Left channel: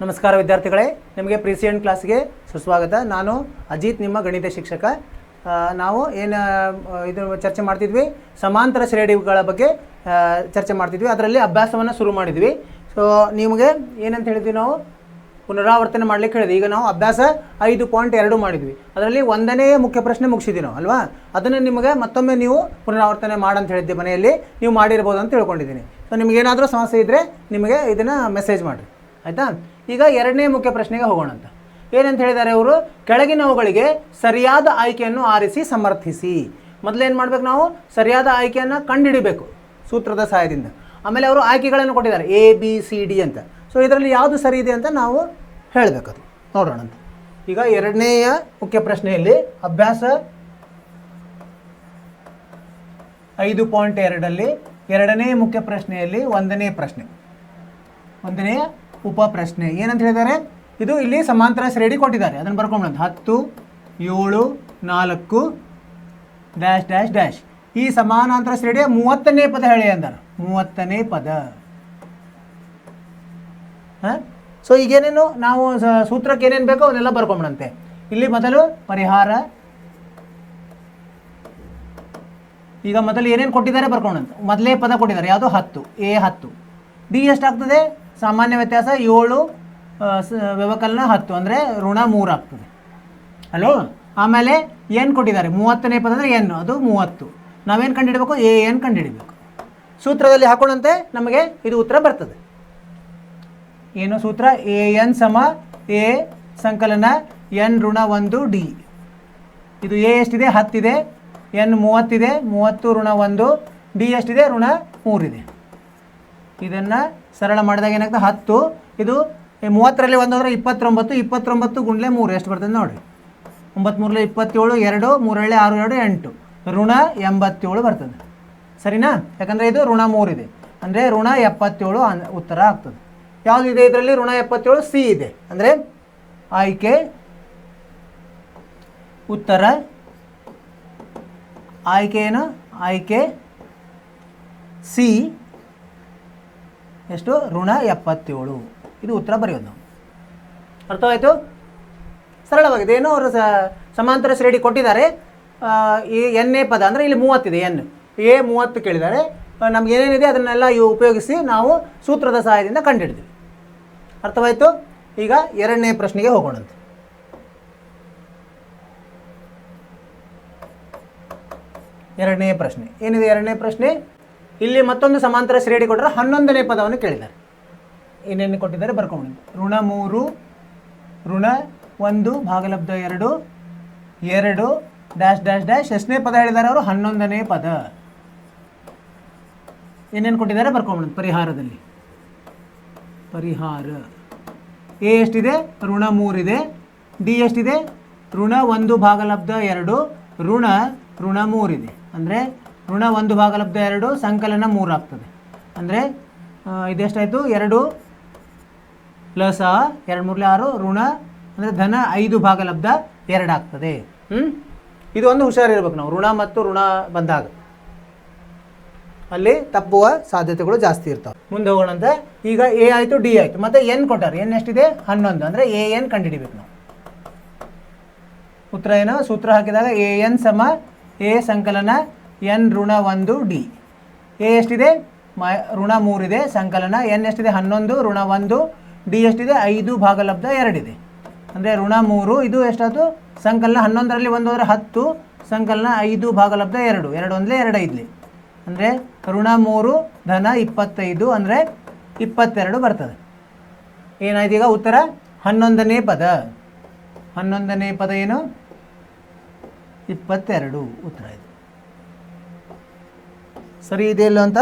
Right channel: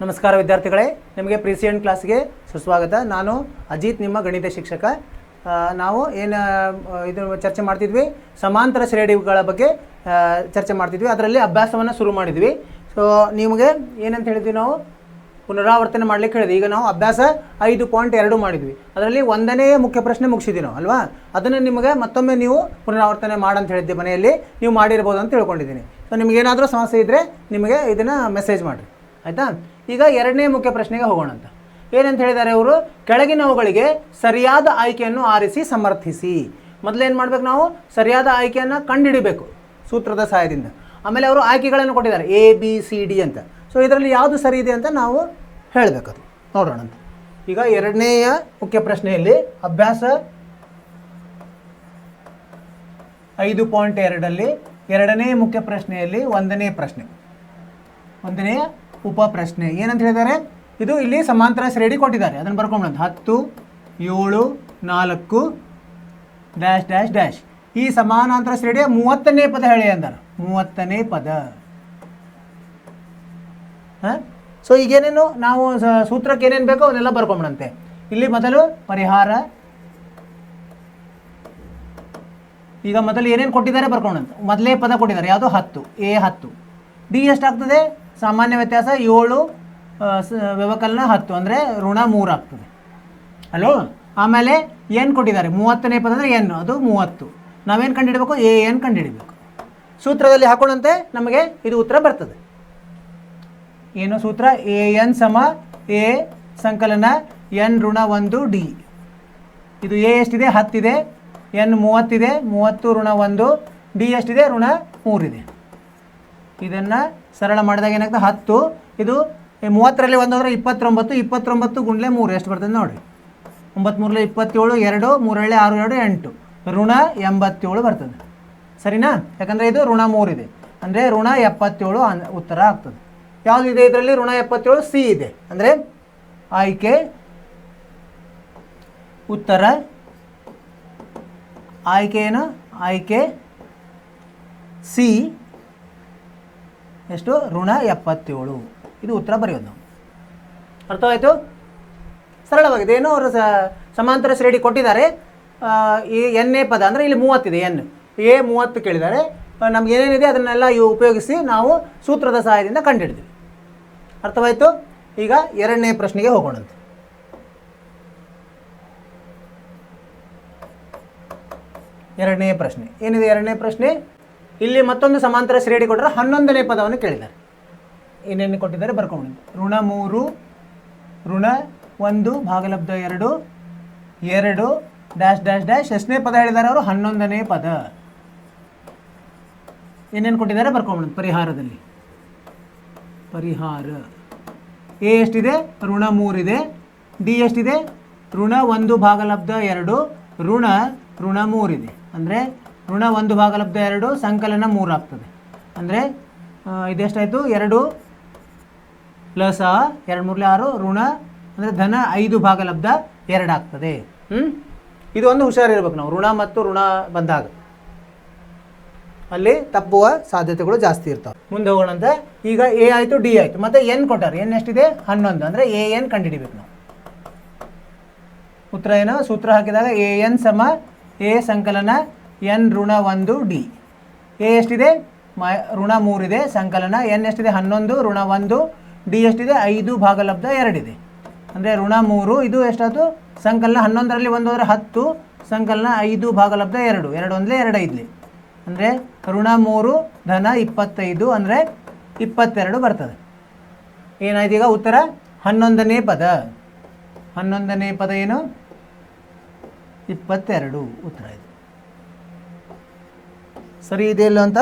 ನಮಸ್ಕಾರ ವಿದ್ಯಾರ್ಥಿಗಳೇ, ನಿಮಗೆ ಪ್ರಿಸಿಯನ್ ಕ್ಲಾಸ್ಗೆ ಸುಸ್ವಾಗತ. ನಾನು ಅಜಿತ್, ನಿಮ್ಮ ಗಣಿತ ಶಿಕ್ಷಕ. ನಾವು ಇದು ಚರ್ಚೆ ಮಾಡ್ತಿದ್ವಿ, ಸಮಾಂತರ ಶ್ರೇಣಿಗಳ ಬಗ್ಗೆ ಚರ್ಚೆ ಮಾಡ್ತಿದ್ವಿ. ಅದರಲ್ಲಿ ಅಭ್ಯಾಸವನ್ನು ಶುರು ಮಾಡಿದ್ವಿ. ಸೊ ನಿಮಗೆ ಏನಂತ ಹೇಳಿದ್ವಿ, ನಾವು ಪುನರಾವರ್ತನೆ ಮಾಡಲಿಕ್ಕೆ ಹೇಳಿದ್ವಿ. ಈಗ ನಾವು ಅಭ್ಯಾಸ 5.2 ಮಾಡಿದ್ವಿ. ಅದರಲ್ಲಿ 1ನೇ ಮುಖ್ಯ ಪ್ರಶ್ನೆ ಮುಗಿಸಿದ್ವಿ ನಾವು ಅಲ್ವಾ. ಅದನ್ನೇ ನಿಮಗೆ ಮತ್ತೊಮ್ಮೆ ನೀವು ಪುನರಾವರ್ತನೆ ಮಾಡಂತ ಹೇಳಿದ್ದೆ. ಮನೆಯಲ್ಲಿ ನೀವು ಮಾಡಿರ್ಬೋದು ಅಂತ ತಿಳ್ಕೊಂಡಿದ್ದೀನಿ. ಸೊ ನಿಮಗೇನಾದರೂ ಸಮಸ್ಯೆ ಇದ್ದರೆ ನಿಮಗೆ ಇದನ್ನು ಮೆಸೇಜ್ ಮಾಡಿರಿ, ಆಯಿತಾ. ಈಗ 2ನೇ ಮುಖ್ಯ ಪ್ರಶ್ನೆಗೆ ಹೋಗೋಣ ಅಂತ. ಏನಂತ ಹೇಳಿದ್ದಾರೆ ಅವರು, ಕೆಳಗಿನವುಗಳಿಗೆ ಸರಿಯಾದ ಆಯ್ಕೆಯನ್ನು ಆರಿಸಿ ಸಮರ್ಥಿಸಿ. ಮೊದಲೇನು ಮಾಡ್ಬೇಕು, ನಾವು ಸರಿಯಾದ ಆಯ್ಕೆಯನ್ನು ಕಂಡುಹಿಡಬೇಕು ಸೂತ್ರದ ಸಹಾಯದಿಂದ. ಆಮೇಲೆ ಅವರು ಆಯ್ಕೆಗಳನ್ನು ಕೊಟ್ಟಿದ್ದಾರೆ ABCD ಅಂತ. ಸೊ ಇದರಲ್ಲಿ ಯಾವುದು ಸರಿ ಇದೆ ಅಂತ ನಾವು ಹೇಳಬೇಕು, ಅದು ನೋಡೋಣ ಅಂತ. ಈಗ 2ನೇಯ ಮುಖ್ಯ ಪ್ರಶ್ನೆಯಲ್ಲಿ ಅಭ್ಯಾಸ 5.2ರಲ್ಲಿ 2ನೇ ಮುಖ್ಯ ಪ್ರಶ್ನೆಯಲ್ಲಿ 1ನೇ ಪ್ರಶ್ನೆ, 1ನೇ ಉಪ ಪ್ರಶ್ನೆ ಏನಂತ ಹೇಳಿದ್ದಾರೆ. ಇದು ಇಲ್ಲಿ ಸಮಾಂತರ ಶ್ರೇಣಿ ಕೊಟ್ಟಿದ್ದಾರೆ, ಅದನ್ನು ಬರ್ಕೊಂಡು 10, 7, 4 ಡ್ಯಾಶ್ ಡ್ಯಾಶ್ ಡ್ಯಾಶ್. ಈ ಸಮಾನಾಂತರ ಶ್ರೇಣಿಯ 30ನೇ ಪದ ಹೇಳಿ ಅಂದರೆ 30ನೇ ಪದ. ಸೊ ಈಗೇನೇನು ನಾವು ಸೂತ್ರಕ್ಕೆ ಏನೇನು ಬೇಕೋ ಅವನ್ನೆಲ್ಲ ಬರ್ಕೊಂಬಿಡಂತೆ. ಇಲ್ಲಿ ಮೊದಲು ಪರಿಹಾರ. ಈಗ ಮೊದಲು ಏನೇನು ಕೊಟ್ಟಿದ್ದಾರೆ ಬರ್ಕೊಂಡಂತೆ. ಮೊದಲೇ ಪದ ಕೊಟ್ಟಿದ್ದಾರೆ ಯಾವುದು, 10, A 10. D ಎಷ್ಟಾಗ್ತದೆ, ಸಾಮಾನ್ಯ ವ್ಯತ್ಯಾಸ 7, ವ್ಯವಕಲನ 10 ಅಂದರೆ ಋಣ 3 ಆಗ್ತದೆ ಅಲ್ಲೋ. ಆಮೇಲೆ ಏನು ಕೊಟ್ಟಿದ್ದಾರೆ, 30ನೇ ಪದ ಅಂದರೆ ಏನು, ಅದು 30. ನಾವೇನು ಕಂಡುಹಿಡಬೇಕು, AN ಕಂಡುಹಿಡಬೇಕು. ಸೂತ್ರದಲ್ಲಿ ಹಾಕೋಣಂತೆ, ನಮಗೆ ಇದು ಉತ್ತರ ಬರ್ತದೆ. ಏನು ಸೂತ್ರ, AN ಸಮ A ಸಂಕಲನ N ಋಣ 1 D. ಇದು A ಎಷ್ಟಿದೆ, 10 ಇದೆ, N 30 ಇದೆ, 30 ಋಣ 1, D ಎಷ್ಟಿದೆ, ಋಣ 3 ಇದೆ. ಇದನ್ನು ಸರಳ ಮಾಡಿದಾಗ ಏನಾಗ್ತದೆ, 10. ಇದು 30ರಲ್ಲಿ 1 ಅಂದರೆ 29, 29 ಗುಂಡ್ಲೆ 3 ಎಷ್ಟು ಬರ್ತದೆ ನೋಡಿ. 9 3 27, 2 3 6 2 8, ಋಣ 87 ಬರ್ತದೆ. ಸರಿನಾ, ಯಾಕಂದರೆ ಇದು ಋಣ 3 ಇದೆ, ಅಂದರೆ ಋಣ 77 ಉತ್ತರ ಆಗ್ತದೆ. ಯಾವುದಿದೆ ಇದರಲ್ಲಿ, ಋಣ 77, C ಇದೆ. ಅಂದರೆ ಆಯ್ಕೆ ಉತ್ತರ, ಆಯ್ಕೆ ಏನು, ಆಯ್ಕೆ C ಎಷ್ಟು, ಋಣ 77. ಇದು ಉತ್ತರ ಬರೆಯೋದು. ಅರ್ಥವಾಯಿತು, ಸರಳವಾಗಿದೆ. ಏನೋ ಅವರು ಸಮಾಂತರ ಶ್ರೇಣಿ ಕೊಟ್ಟಿದ್ದಾರೆ. ಈ ಎನ್ನೇ ಪದ ಅಂದರೆ ಇಲ್ಲಿ 30 ಇದೆ, N A 30 ಕೇಳಿದ್ದಾರೆ. ನಮ್ಗೆ ಏನೇನಿದೆ ಅದನ್ನೆಲ್ಲ ಉಪಯೋಗಿಸಿ ನಾವು ಸೂತ್ರದ ಸಹಾಯದಿಂದ ಕಂಡುಹಿಡಿದ್ವಿ. ಅರ್ಥವಾಯಿತು. ಈಗ 2ನೇ ಪ್ರಶ್ನೆಗೆ ಹೋಗೋಣಂತೆ. ಎರಡನೇ ಪ್ರಶ್ನೆ ಏನಿದೆ, 2ನೇ ಪ್ರಶ್ನೆ ಇಲ್ಲಿ ಮತ್ತೊಂದು ಸಮಾಂತರ ಶ್ರೇಣಿ ಕೊಟ್ಟರೆ 11ನೇ ಪದವನ್ನು ಕೇಳಿದ್ದಾರೆ. ಏನೇನು ಕೊಟ್ಟಿದ್ದಾರೆ ಬರ್ಕೊಂಡು, ಋಣ 3 ಋಣ 1 ಭಾಗಲಬ್ಧ 2 2 ಡ್ಯಾಶ್ ಡ್ಯಾಶ್ ಡ್ಯಾಶ್. ಎಷ್ಟನೇ ಪದ ಹೇಳಿದ್ದಾರೆ ಅವರು, 11ನೇ ಪದ. ಏನೇನು ಕೊಟ್ಟಿದ್ದಾರೆ ಬರ್ಕೊಂಡು ಪರಿಹಾರದಲ್ಲಿ. ಪರಿಹಾರ A ಎಷ್ಟಿದೆ, ಋಣ 3 ಇದೆ. D ಎಷ್ಟಿದೆ, ಋಣ 1 ಭಾಗಲಬ್ಧ 2 ಋಣ 3 ಇದೆ. ಅಂದರೆ ಋಣ 1 ಭಾಗಲಬ್ಧ 2 ಸಂಕಲನ 3 ಆಗ್ತದೆ. ಅಂದರೆ ಇದೆಷ್ಟಾಯಿತು, 2 ಪ್ಲಸ್ 2 3 6 ಋಣ ಅಂದರೆ ಧನ 5 ಭಾಗಲಬ್ಧ 2 ಆಗ್ತದೆ. ಇದು ಒಂದು ಹುಷಾರಿರ್ಬೇಕು ನಾವು, ಋಣ ಮತ್ತು ಋಣ ಬಂದಾಗ ಅಲ್ಲಿ ತಪ್ಪುವ ಸಾಧ್ಯತೆಗಳು ಜಾಸ್ತಿ ಇರ್ತವೆ. ಮುಂದೆ ಹೋಗೋಣಂತೆ. ಈಗ A ಆಯಿತು, D ಆಯಿತು, ಮತ್ತು N ಕೊಟ್ಟಾರೆ. N ಎಷ್ಟಿದೆ, 11. ಅಂದರೆ AN ಕಂಡುಹಿಡಿಬೇಕು ನಾವು. ಉತ್ತರ ಏನು, ಸೂತ್ರ ಹಾಕಿದಾಗ AN ಸಮ A ಸಂಕಲನ N ಋಣ 1 D. A ಎಷ್ಟಿದೆ, ಋಣ 3 ಇದೆ, ಸಂಕಲನ N ಎಷ್ಟಿದೆ, 11 ಋಣ 1, D ಎಷ್ಟಿದೆ, 5 ಭಾಗಲಬ್ಧ 2 ಇದೆ. ಅಂದರೆ ಋಣ 3, ಇದು ಎಷ್ಟಾಯಿತು, ಸಂಕಲನ 11ರಲ್ಲಿ 1 ಹೋದರೆ 10, ಸಂಕಲನ 5 ಭಾಗಲಬ್ಧ 2 ಅಂದರೆ 2 5. ಅಂದರೆ ಋಣ 3 ಧನ 25 ಅಂದರೆ 22 ಬರ್ತದೆ. ಏನಾಯ್ತು ಈಗ ಉತ್ತರ, 11ನೇ ಪದ. 11ನೇ ಪದ ಏನು, 22 ಉತ್ತರ ಇದು. ಸರಿ ಇದೆಯಲ್ಲ ಅಂತ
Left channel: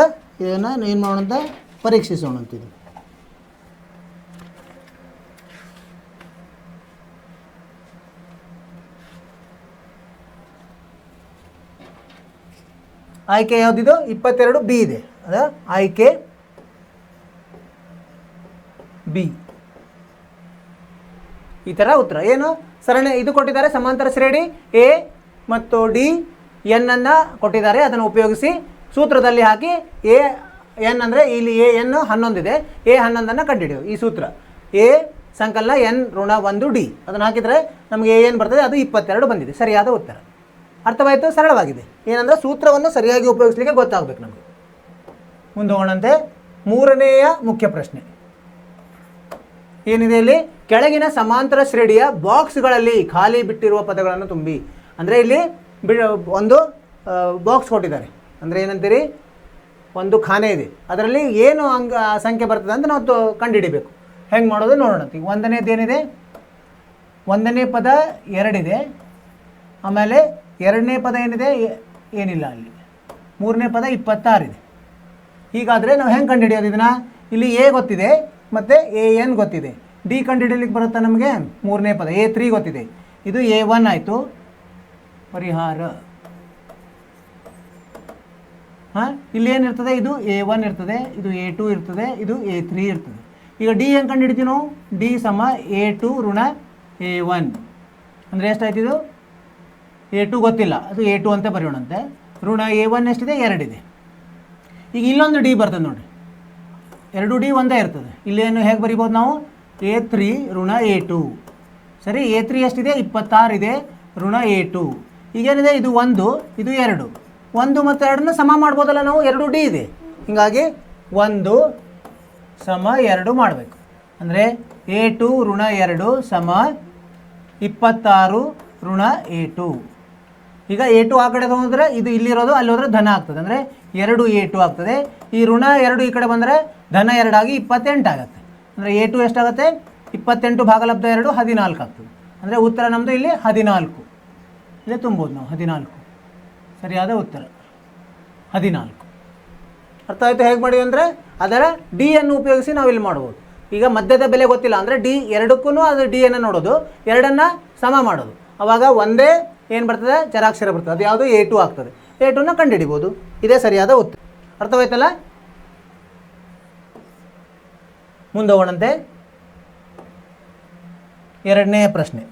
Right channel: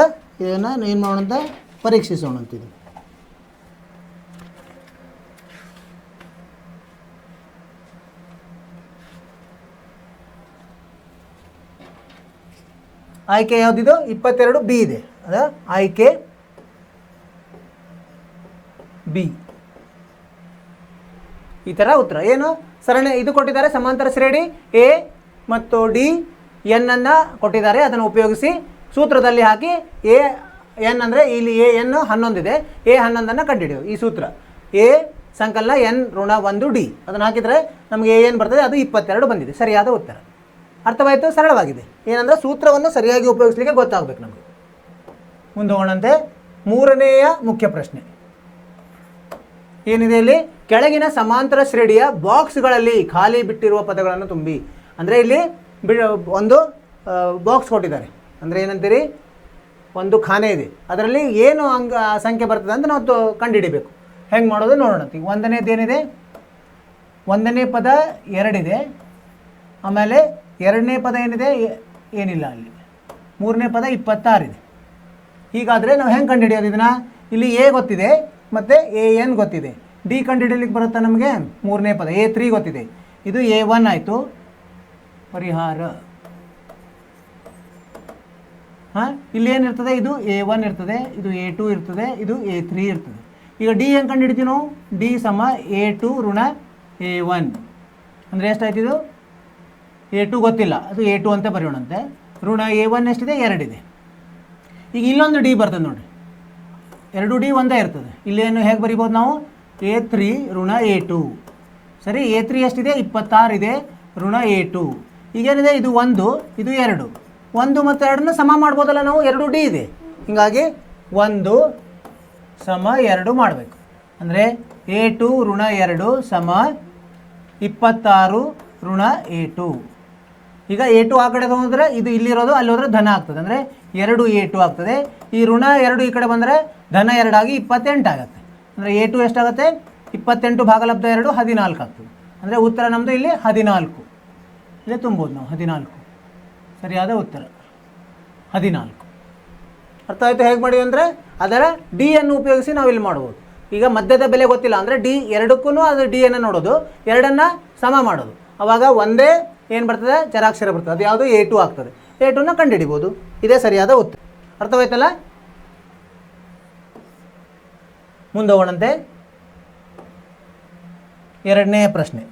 ಏನು ಮಾಡೋಣ ಅಂತ ಪರೀಕ್ಷಿಸೋಣ ಅಂತಿದೆ. ಆಯ್ಕೆ ಯಾವುದಿದು, 22 B ಇದೆ. ಅದ ಆಯ್ಕೆ B. ಈ ಥರ ಉತ್ತರ ಏನು, ಸರಣಿ ಇದು ಕೊಟ್ಟಿದ್ದಾರೆ, ಸಮಾಂತರ ಶ್ರೇಣಿ A ಮತ್ತು D N ಅನ್ನು ಕೊಟ್ಟಿದ್ದಾರೆ. ಅದನ್ನು ಉಪಯೋಗಿಸಿ ಸೂತ್ರದಲ್ಲಿ ಹಾಕಿ AN ಅಂದರೆ ಇಲ್ಲಿ AN 11 ಇದೆ, A 11 ಕಂಡುಹಿಡಿಯುವ. ಈ ಸೂತ್ರ A ಸಂಕಲನ ಎನ್ ಋಣ 1 ಡಿ ಅದನ್ನು ಹಾಕಿದರೆ ನಮಗೆ ಏನು ಬರ್ತದೆ ಅದು 22 ಬಂದಿದೆ, ಸರಿಯಾದ ಉತ್ತರ. ಅರ್ಥವಾಯಿತು? ಸರಳವಾಗಿದೆ. ಏನಂದರೆ ಸೂತ್ರವನ್ನು ಸರಿಯಾಗಿ ಉಪಯೋಗಿಸಲಿಕ್ಕೆ ಗೊತ್ತಾಗಬೇಕು ನಮಗೆ. ಮುಂದೆ ಹೋಗೋಣಂತೆ. ಮೂರನೆಯ ಮುಖ್ಯ ಪ್ರಶ್ನೆ ಏನಿದೆ ಇಲ್ಲಿ, ಕೆಳಗಿನ ಸಮಾಂತರ ಶ್ರೇಣಿಯ ಬಾಕ್ಸ್ಗಳಲ್ಲಿ ಖಾಲಿ ಬಿಟ್ಟಿರುವ ಪದಗಳನ್ನು ತುಂಬಿ. ಅಂದರೆ ಇಲ್ಲಿ ಒಂದು ಬಾಕ್ಸ್ ಕೊಟ್ಟಿದ್ದಾರೆ, ಅಂದರೆ ಏನಂತೀರಿ, ಒಂದು ಖಾನೆಗೆ ಅದರಲ್ಲಿ ಏನು ಸಂಖ್ಯೆ ಬರ್ತದೆ ಅಂತ ನಾವು ಕಂಡುಹಿಡಿಬೇಕು. ಹೆಂಗೆ ಮಾಡೋದು ನೋಡೋಣ. ಒಂದನೇದೇನಿದೆ, ಒಂದನೇ ಪದ 2 ಇದೆ, ಆಮೇಲೆ ಎರಡನೇ ಪದ ಏನಿದೆ, ಏನಿಲ್ಲ ಅಲ್ಲಿ, ಮೂರನೇ ಪದ 26 ಇದೆ. ಹೀಗಾದರೆ ನಾವು ಹೆಂಗೆ ಕಂಡುಹಿಡಿಯೋದು ಇದನ್ನು? ಇಲ್ಲಿ ಎ ಗೊತ್ತಿದೆ ಮತ್ತು ಎನ್ ಗೊತ್ತಿದೆ. ಡಿ ಕಂಡುಹಿಡಿಯಲಿಕ್ಕೆ ಬರುತ್ತಾ ನಮಗೆ? ಮೂರನೇ ಪದ A3 ಗೊತ್ತಿದೆ, ಇದು A1 ಆಯಿತು. ಪರಿಹಾರ ಹಾಂ, ಇಲ್ಲಿ ಏನಿರ್ತದೆ, ಇದು A1 ಇರ್ತದೆ, ಇದು A2 ಇರ್ತದೆ, ಇದು A3 ಇರ್ತದೆ. ಈಗ ಡಿ ಹೆಂಗೆ ಕಂಡುಹಿಡಿತೀವಿ ನಾವು? ಡಿ ಸಮ A2 ಋಣ A1 ಅಂದರೆ ಎಷ್ಟಾಯ್ತು? ಇದು A2 ಗೊತ್ತಿಲ್ಲ, ಅದು A2 ಅಂತ ಬರೆಯೋಣಂತೆ. ಋಣ A1 ಎಷ್ಟಿದೆ? 2 ಇದೆ. ಈಗ ಇಲ್ಲೊಂದು ಡಿ ಬರ್ತದೆ ನೋಡಿ, 2 ಡಿ ಒಂದೇ ಇರ್ತದೆ. ಇಲ್ಲೇನು ಹೇಗೆ ಬರಿಬೋದು ನಾವು? A3 ಋಣ A2. ಸರಿ, A3 ಎಷ್ಟಿದೆ? 26 ಇದೆ, ಋಣ A2. ಈಗೇನಿದೆ, ಇದು 1, ಇದು 2. 1 ಮತ್ತು 2ನ್ನ ಸಮ ಮಾಡ್ಬೋದಲ್ಲ ನಾವು? 2 ಡಿ ಇದೆ, ಹೀಗಾಗಿ 1 ಸಮ 2 ಮಾಡಬೇಕು. ಅಂದರೆ A2 ಋಣ 2 ಸಮ 26 ಋಣ A2. ಈಗ A2 ಆ ಕಡೆ ಹೋದರೆ ಇದು ಇಲ್ಲಿರೋದು, ಅಲ್ಲಿ ಹೋದರೆ ಧನ ಆಗ್ತದೆ, ಅಂದರೆ 2 A2 ಆಗ್ತದೆ. ಈ ಋಣ 2 ಈ ಕಡೆ ಬಂದರೆ ಧನ 2 ಆಗಿ 28 ಆಗುತ್ತೆ. ಅಂದರೆ A2 ಎಷ್ಟಾಗುತ್ತೆ? 28 ಭಾಗಲಬ್ಧ 2 14 ಆಗ್ತದೆ. ಅಂದರೆ ಉತ್ತರ ನಮ್ಮದು ಇಲ್ಲಿ 14. ಅಂದರೆ ತುಂಬೋದು ನಾವು 14, ಸರಿಯಾದ ಉತ್ತರ 14. ಅರ್ಥ ಆಯಿತು ಹೇಗೆ ಮಾಡಿ ಅಂದರೆ? ಅದರ ಡಿ ಅನ್ನು ಉಪಯೋಗಿಸಿ ನಾವು ಇಲ್ಲಿ ಮಾಡ್ಬೋದು. ಈಗ ಮಧ್ಯದ ಬೆಲೆ ಗೊತ್ತಿಲ್ಲ ಅಂದರೆ ಡಿ ಎರಡಕ್ಕೂ ಅದು ಡಿ ಅನ್ನು ನೋಡೋದು, ಎರಡನ್ನು ಸಮ ಮಾಡೋದು. ಆವಾಗ ಒಂದೇ ಏನು ಬರ್ತದೆ? ಚರಾಕ್ಷರ ಬರ್ತದೆ, ಅದು ಯಾವುದು? A2 ಆಗ್ತದೆ. A2ನ ಕಂಡುಹಿಡಿಬೋದು. ಇದೇ ಸರಿಯಾದ ಉತ್ತರ. ಅರ್ಥವಾಯ್ತಲ್ಲ? ಮುಂದೆ ಹೋಗೋಣಂತೆ. ಎರಡನೇ ಪ್ರಶ್ನೆ,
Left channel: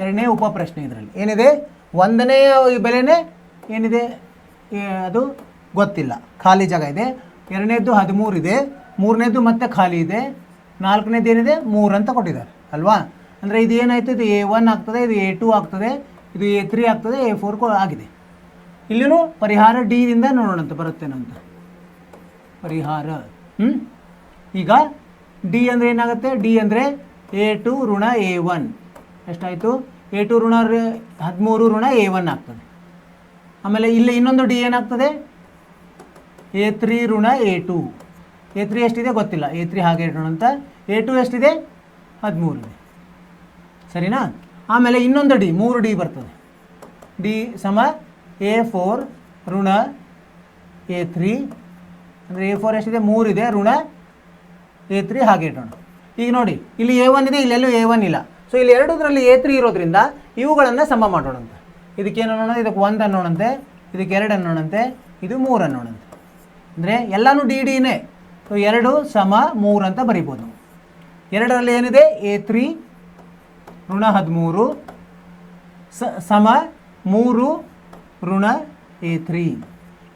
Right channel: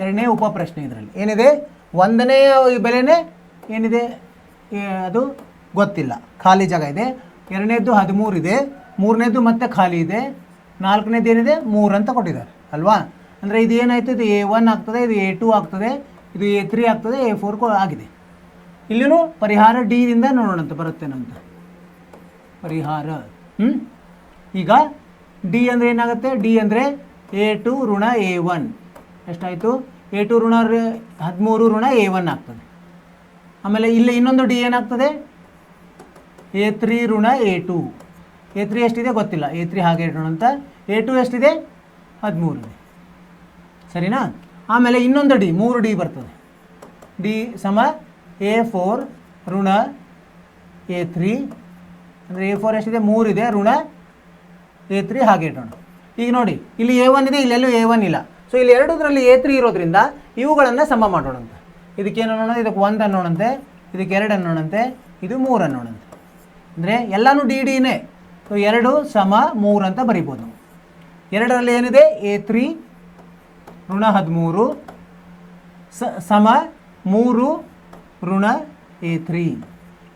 ಎರಡನೇ ಉಪಪ್ರಶ್ನೆ. ಇದರಲ್ಲಿ ಏನಿದೆ? ಒಂದನೇ ಬೆಲೆನೇ ಏನಿದೆ ಅದು ಗೊತ್ತಿಲ್ಲ, ಖಾಲಿ ಜಾಗ ಇದೆ. ಎರಡನೇದು 13 ಇದೆ, ಮೂರನೇದು ಮತ್ತೆ ಖಾಲಿ ಇದೆ, ನಾಲ್ಕನೇದು ಏನಿದೆ? 3 ಅಂತ ಕೊಟ್ಟಿದ್ದಾರೆ ಅಲ್ವಾ? ಅಂದರೆ ಇದು ಏನಾಯ್ತು? ಇದು A1 ಆಗ್ತದೆ, ಇದು A2 ಆಗ್ತದೆ, ಇದು A3 ಆಗ್ತದೆ, A4 ಆಗಿದೆ. ಇಲ್ಲಿನೂ ಪರಿಹಾರ ಡಿ ದಿಂದ ನೋಡೋಣಂತೆ ಬರುತ್ತೆ ನಮ್ದು ಪರಿಹಾರ. ಈಗ ಡಿ ಅಂದರೆ ಏನಾಗುತ್ತೆ? ಡಿ ಅಂದರೆ A2 ಋಣ A1 ಎಷ್ಟಾಯಿತು? A2 ಋಣ 13 ಋಣ A1 ಆಗ್ತದೆ. ಆಮೇಲೆ ಇಲ್ಲಿ ಇನ್ನೊಂದು ಡಿ ಏನಾಗ್ತದೆ? A3 ಋಣ A2. A3 ಎಷ್ಟಿದೆ ಗೊತ್ತಿಲ್ಲ, A3 ಹಾಗೆ ಇಡೋಣ ಅಂತ. A2 ಎಷ್ಟಿದೆ? 13 ಇದೆ, ಸರಿನಾ? ಆಮೇಲೆ ಇನ್ನೊಂದು ಡಿ, 3 ಡಿ ಬರ್ತದೆ. ಡಿ ಸಮ A4 ಋಣ A3. ಅಂದರೆ A4 ಎಷ್ಟಿದೆ? 3 ಇದೆ, ಋಣ A3 ಹಾಗೆ ಇಡೋಣ. ಈಗ ನೋಡಿ, ಇಲ್ಲಿ A1 ಇದೆ, ಇಲ್ಲೆಲ್ಲೂ A1 ಇಲ್ಲ. ಸೊ ಇಲ್ಲಿ ಎರಡರಲ್ಲಿ A3 ಇರೋದ್ರಿಂದ ಇವುಗಳನ್ನು ಸಮ ಮಾಡೋಣಂತೆ. ಇದಕ್ಕೇನು ಅನ್ನೋಣ? ಇದಕ್ಕೆ 1 ಅನ್ನೋಣಂತೆ, ಇದಕ್ಕೆ 2 ಅನ್ನೋಣಂತೆ, ಇದು 3 ಅನ್ನೋಣಂತೆ. ಅಂದರೆ ಎಲ್ಲನೂ ಡಿ ಡಿನೇ. ಸೊ 2 ಸಮ 3 ಅಂತ ಬರಿಬೋದು. ಎರಡರಲ್ಲಿ ಏನಿದೆ? A3 ಋಣ 13 ಸಮ 3 ಋಣ A3.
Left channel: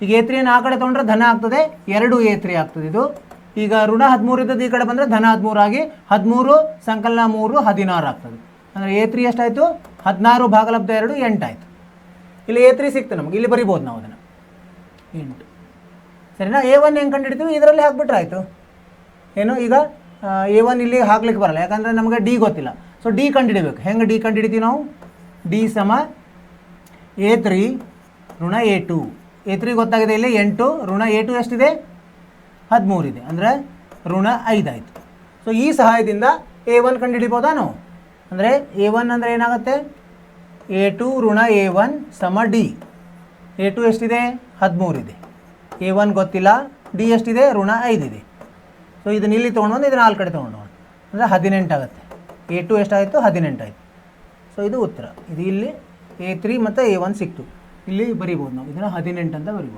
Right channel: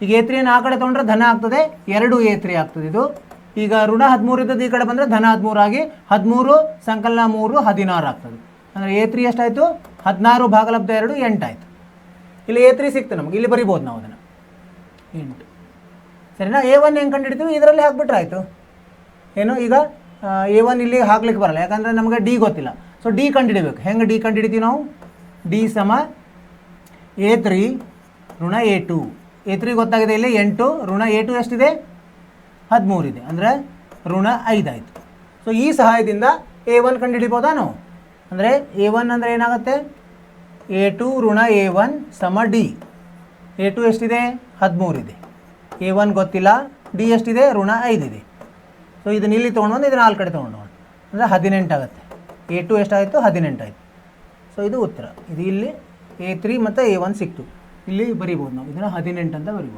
ಈಗ A3 ಆ ಕಡೆ ತೊಗೊಂಡ್ರೆ ಧನ ಆಗ್ತದೆ, 2 A3 ಆಗ್ತದೆ. ಇದು ಈಗ ಋಣ 13 ಇದ್ದದ್ದು ಈ ಕಡೆ ಬಂದರೆ ಧನ 13 ಆಗಿ 13 ಸಂಕಲನ 3 16 ಆಗ್ತದೆ. ಅಂದರೆ A3 ಎಷ್ಟಾಯಿತು? 16 ಭಾಗಲಬ್ಧ 2 8 ಆಯಿತು. ಇಲ್ಲಿ A3 ಸಿಕ್ತು ನಮಗೆ, ಇಲ್ಲಿ ಬರಿಬೋದು ನಾವು ಅದನ್ನು 8. ಸರಿನಾ? A1 ಹೆಂಗೆ ಕಂಡುಹಿಡಿತೀವಿ? ಇದರಲ್ಲಿ ಹಾಕ್ಬಿಟ್ರೆ ಆಯಿತು. ಏನು ಈಗ A1 ಇಲ್ಲಿ ಹಾಕ್ಲಿಕ್ಕೆ ಬರಲ್ಲ, ಯಾಕಂದರೆ ನಮಗೆ ಡಿ ಗೊತ್ತಿಲ್ಲ. ಸೊ ಡಿ ಕಂಡುಹಿಡಿಬೇಕು. ಹೆಂಗೆ ಡಿ ಕಂಡುಹಿಡಿತೀವಿ ನಾವು? ಡಿ ಸಮ A3 ಋಣ A2. A3 ಗೊತ್ತಾಗಿದೆ, ಇಲ್ಲಿ 8 ಋಣ A2 ಎಷ್ಟಿದೆ? 13 ಇದೆ, ಅಂದರೆ ಋಣ 5 ಆಯಿತು. ಸೊ ಈ ಸಹಾಯದಿಂದ A1 ಕಂಡುಹಿಡಿಬೋದಾ ನಾವು? ಅಂದರೆ A1 ಅಂದರೆ ಏನಾಗುತ್ತೆ? A2 ಋಣ A1 ಸಮ ಡಿ. A2 ಎಷ್ಟಿದೆ? 13 ಇದೆ, A1 ಗೊತ್ತಿಲ್ಲ, ಡಿ ಎಷ್ಟಿದೆ? ಋಣ 5 ಇದೆ. ಸೊ ಇದನ್ನ ಇಲ್ಲಿ ತೊಗೊಂಡು ಇದನ್ನ 4 ಕಡೆ ತೊಗೊಂಡು ಅಂದರೆ 18 ಆಗುತ್ತೆ. A2 ಎಷ್ಟಾಯಿತು? 18 ಆಯಿತು. ಸೊ ಇದು ಉತ್ತರ. ಇದು ಇಲ್ಲಿ A3 ಮತ್ತು A1 ಸಿಕ್ತು, ಇಲ್ಲಿ ಬರೀಬೋದು ನಾವು ಇದನ್ನು 18 ಅಂತ ಬರೀಬೋದು.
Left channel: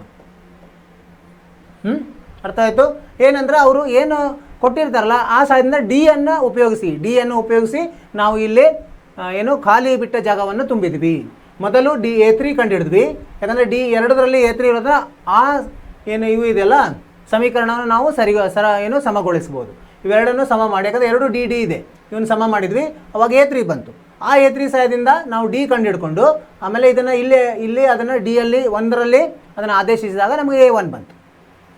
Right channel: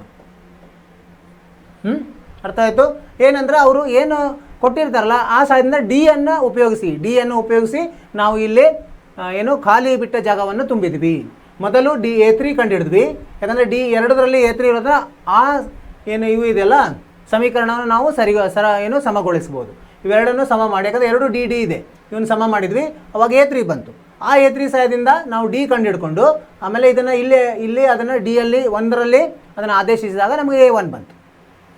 ಅರ್ಥ ಆಯಿತು? ಏನಂದರೆ ಅವರು ಏನು ಕೊಟ್ಟಿರ್ತಾರಲ್ಲ ಆ ಸಹಾಯದಿಂದ ಡಿ ಅನ್ನು ಉಪಯೋಗಿಸಿ ನಾವು ಇಲ್ಲಿ ಏನು ಖಾಲಿ ಬಿಟ್ಟ ಜಾಗವನ್ನು ತುಂಬಿದ್ವಿ. ಮೊದಲು A3 ಕಂಡುಹಿಡಿದ್ವಿ, ಯಾಕಂದರೆ ಡಿ ಎರಡರಲ್ಲಿ A3 ಇರೋದ್ರೆ ಆ ಏನು ಇವು ಇದೆಲ್ಲ ಸಮೀಕರಣವನ್ನು ನಾವು ಸಮಗೊಳಿಸ್ಬೋದು. ಇವೆರಡನ್ನು ಸಮ ಮಾಡಿ, ಯಾಕಂದರೆ ಎರಡು ಡಿ ಡಿ ಇದೆ, ಇವನು ಸಮ ಮಾಡಿದ್ವಿ, ಅವಾಗ A3 ಬಂತು. ಆ A3 ಸಹಾಯದಿಂದ ನಾವು ಡಿ ಕಂಡು ಹಿಡ್ಕೊಂಡು ಆಮೇಲೆ ಇದನ್ನು ಇಲ್ಲಿ ಅದನ್ನು ಡಿ ಅಲ್ಲಿ ಒಂದರಲ್ಲಿ ಅದನ್ನು ಆದೇಶಿಸಿದಾಗ ನಮಗೆ A1 ಬಂತು.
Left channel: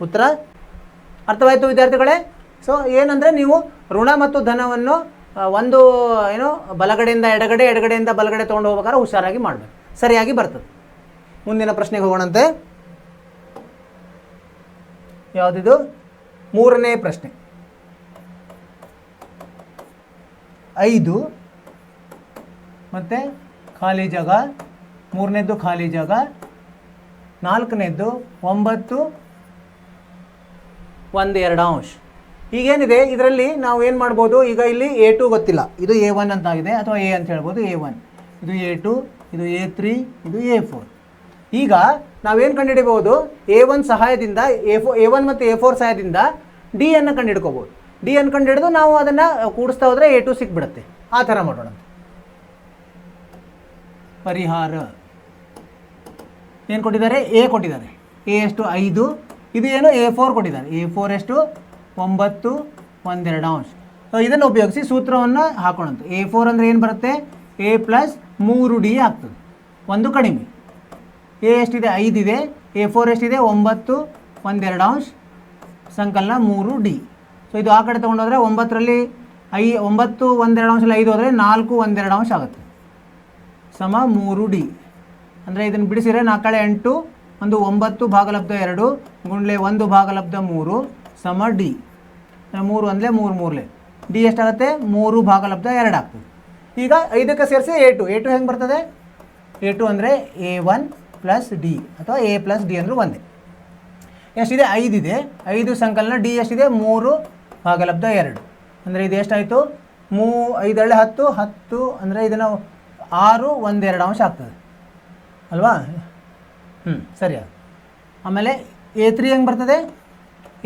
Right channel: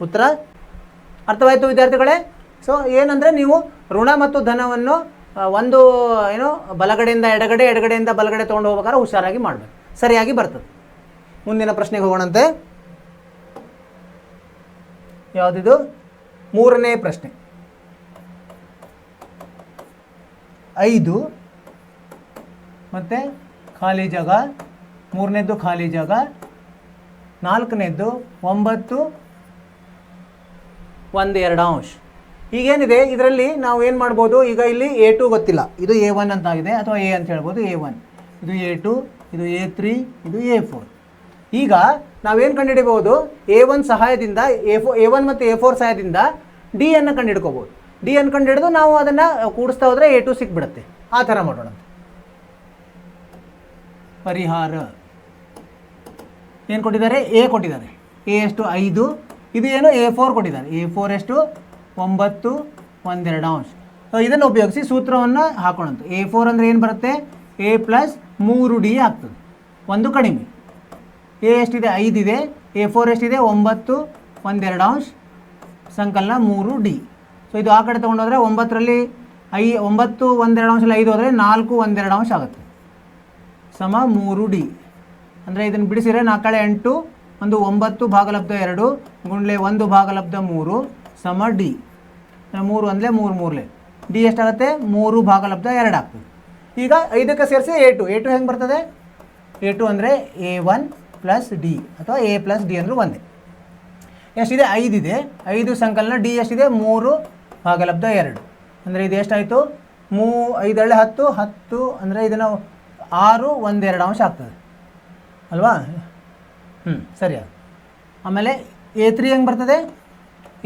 ಉತ್ತರ ಅರ್ಥವಾಯಿತು ವಿದ್ಯಾರ್ಥಿಗಳೇ? ಸೊ ಏನಂದರೆ ನೀವು ಋಣ ಮತ್ತು ಧನವನ್ನು ಒಂದು ಏನು ಬಲಗಡೆಯಿಂದ ಎಡಗಡೆ, ಎಡಗಡೆಯಿಂದ ಬಲಗಡೆ ತೊಗೊಂಡು ಹೋಗ್ಬೇಕಾದ್ರೆ ಹುಷಾರಾಗಿ ಮಾಡಬೇಕು, ಸರಿಯಾಗಿ ಬರ್ತದೆ. ಮುಂದಿನ ಪ್ರಶ್ನೆಗೆ ಹೋಗೋಣಂತೆ. ಯಾವುದಿದು? 3ನೇ ಪ್ರಶ್ನೆ. 5 ಮತ್ತು ಖಾಲಿ ಜಾಗ, 3ನೇದ್ದು ಖಾಲಿ ಜಾಗ, 4ನೇದ್ದು 9 1/2. ಈಗೇನಿದೆ ಇದರಲ್ಲಿ ನಾವು ಏನು ಮಾಡ್ಬೋದು, ಈಗ ಇಲ್ಲಿ A2 ಗೊತ್ತಿಲ್ಲ, ಇದು A1 ಅಂತ ಆಗಿದೆ ಅಥವಾ A ಅಂತ ಹೇಳ್ಬೋದು. A1 ಇದು A2, ಇದು A3, ಇದು A4. ಈಗ ನಾವೇನು ಕಂಡುಹಿಡಿಬೋದು, A1 ಸಹಾಯದಿಂದ A1 ಮತ್ತು A4 ಸಹಾಯದಿಂದ ಡಿ ಅನ್ನು ಕಂಡುಹಿಡ್ಕೋಬೋದು. ಡಿ ಅನ್ನು ಕಂಡುಹಿಡಿದು ನಾವು ಅದನ್ನು ಕೂಡಿಸ್ತಾ ಹೋದರೆ A2 ಸಿಕ್ಬಿಡುತ್ತೆ. ಆ ಥರ ಮಾಡೋಣ. ಪರಿಹಾರ ಏನು ಕೊಟ್ಟಿದ್ದಾರೆ? A ಕೊಟ್ಟಿದ್ದಾರೆ. A ಎಷ್ಟು? 5. ಇದು ಏನು? A4 ಕೊಟ್ಟಿದ್ದಾರೆ. A4 ಎಷ್ಟು? 9 1/2. ಸೊ ಇದನ್ನು ಉಪಯೋಗಿಸಿ ಸೂತ್ರವನ್ನು ಹಾಕೋಣಂತ. A4 ಅಂದರೆ ಏನು ಬರುತ್ತೆ? A + 3D ಆಗ್ತದೆ, ಒಂದು ಕಡಿಮೆ. A ಎಷ್ಟಿದೆ? 5 ಇದೆ. A4 ಎಷ್ಟಿದೆ? 9 1/2 ಸಂಕಲನ 3D. ಸೊ ಇದು ಆ ಕಡೆ ತೊಗೊಂಡೋದ್ರೆ 9ರಲ್ಲಿ 9 1/2 5 ಹೋದರೆ 4 1/2 ಆಗುತ್ತೆ, ಸಮ 3D. ಅಂದರೆ ಇದನ್ನು ಬಿಡಿಸಿದರೆ 4 8 ಒಂದು 9 ಭಾಗಲಬ್ಧ 2 ಗುಂಡ್ಲೆ 1 ಭಾಗಲಬ್ಧ 3 ಸಮ D. 3 ಅಂದರೆ 3 3ಲೆ ಡಿ ಎಷ್ಟಾಗುತ್ತೆ? 3 ಭಾಗಲಬ್ಧ 2 ಆಗ್ತದೆ. ಈಗ 5ಕ್ಕೆ ಸೇರಿಸಿ A2 ಹೆಂಗೆ ಬರ್ತದೆ? A2 ಅಂದರೆ A1 + D ಅಥವಾ A + D ಅಂದರೆ ಒಂದೇ. ಎಷ್ಟಿದೆ? 5 ಇದೆ. 5 ಸಂಕಲನ ಡಿ ಎಷ್ಟಿದೆ? 3 ಭಾಗಲಬ್ಧ 2. ಅಂದರೆ ಇದು ಎಷ್ಟಾಯಿತು? 5 10 10 ಅಂದರೆ ಇದನ್ನು 6 1/2 ಆಗ್ತದೆ ಅಲ್ವಾ? ಸರಿ. ಆಮೇಲೆ A3 ಹೆಂಗೆ ಬರ್ತದೆ?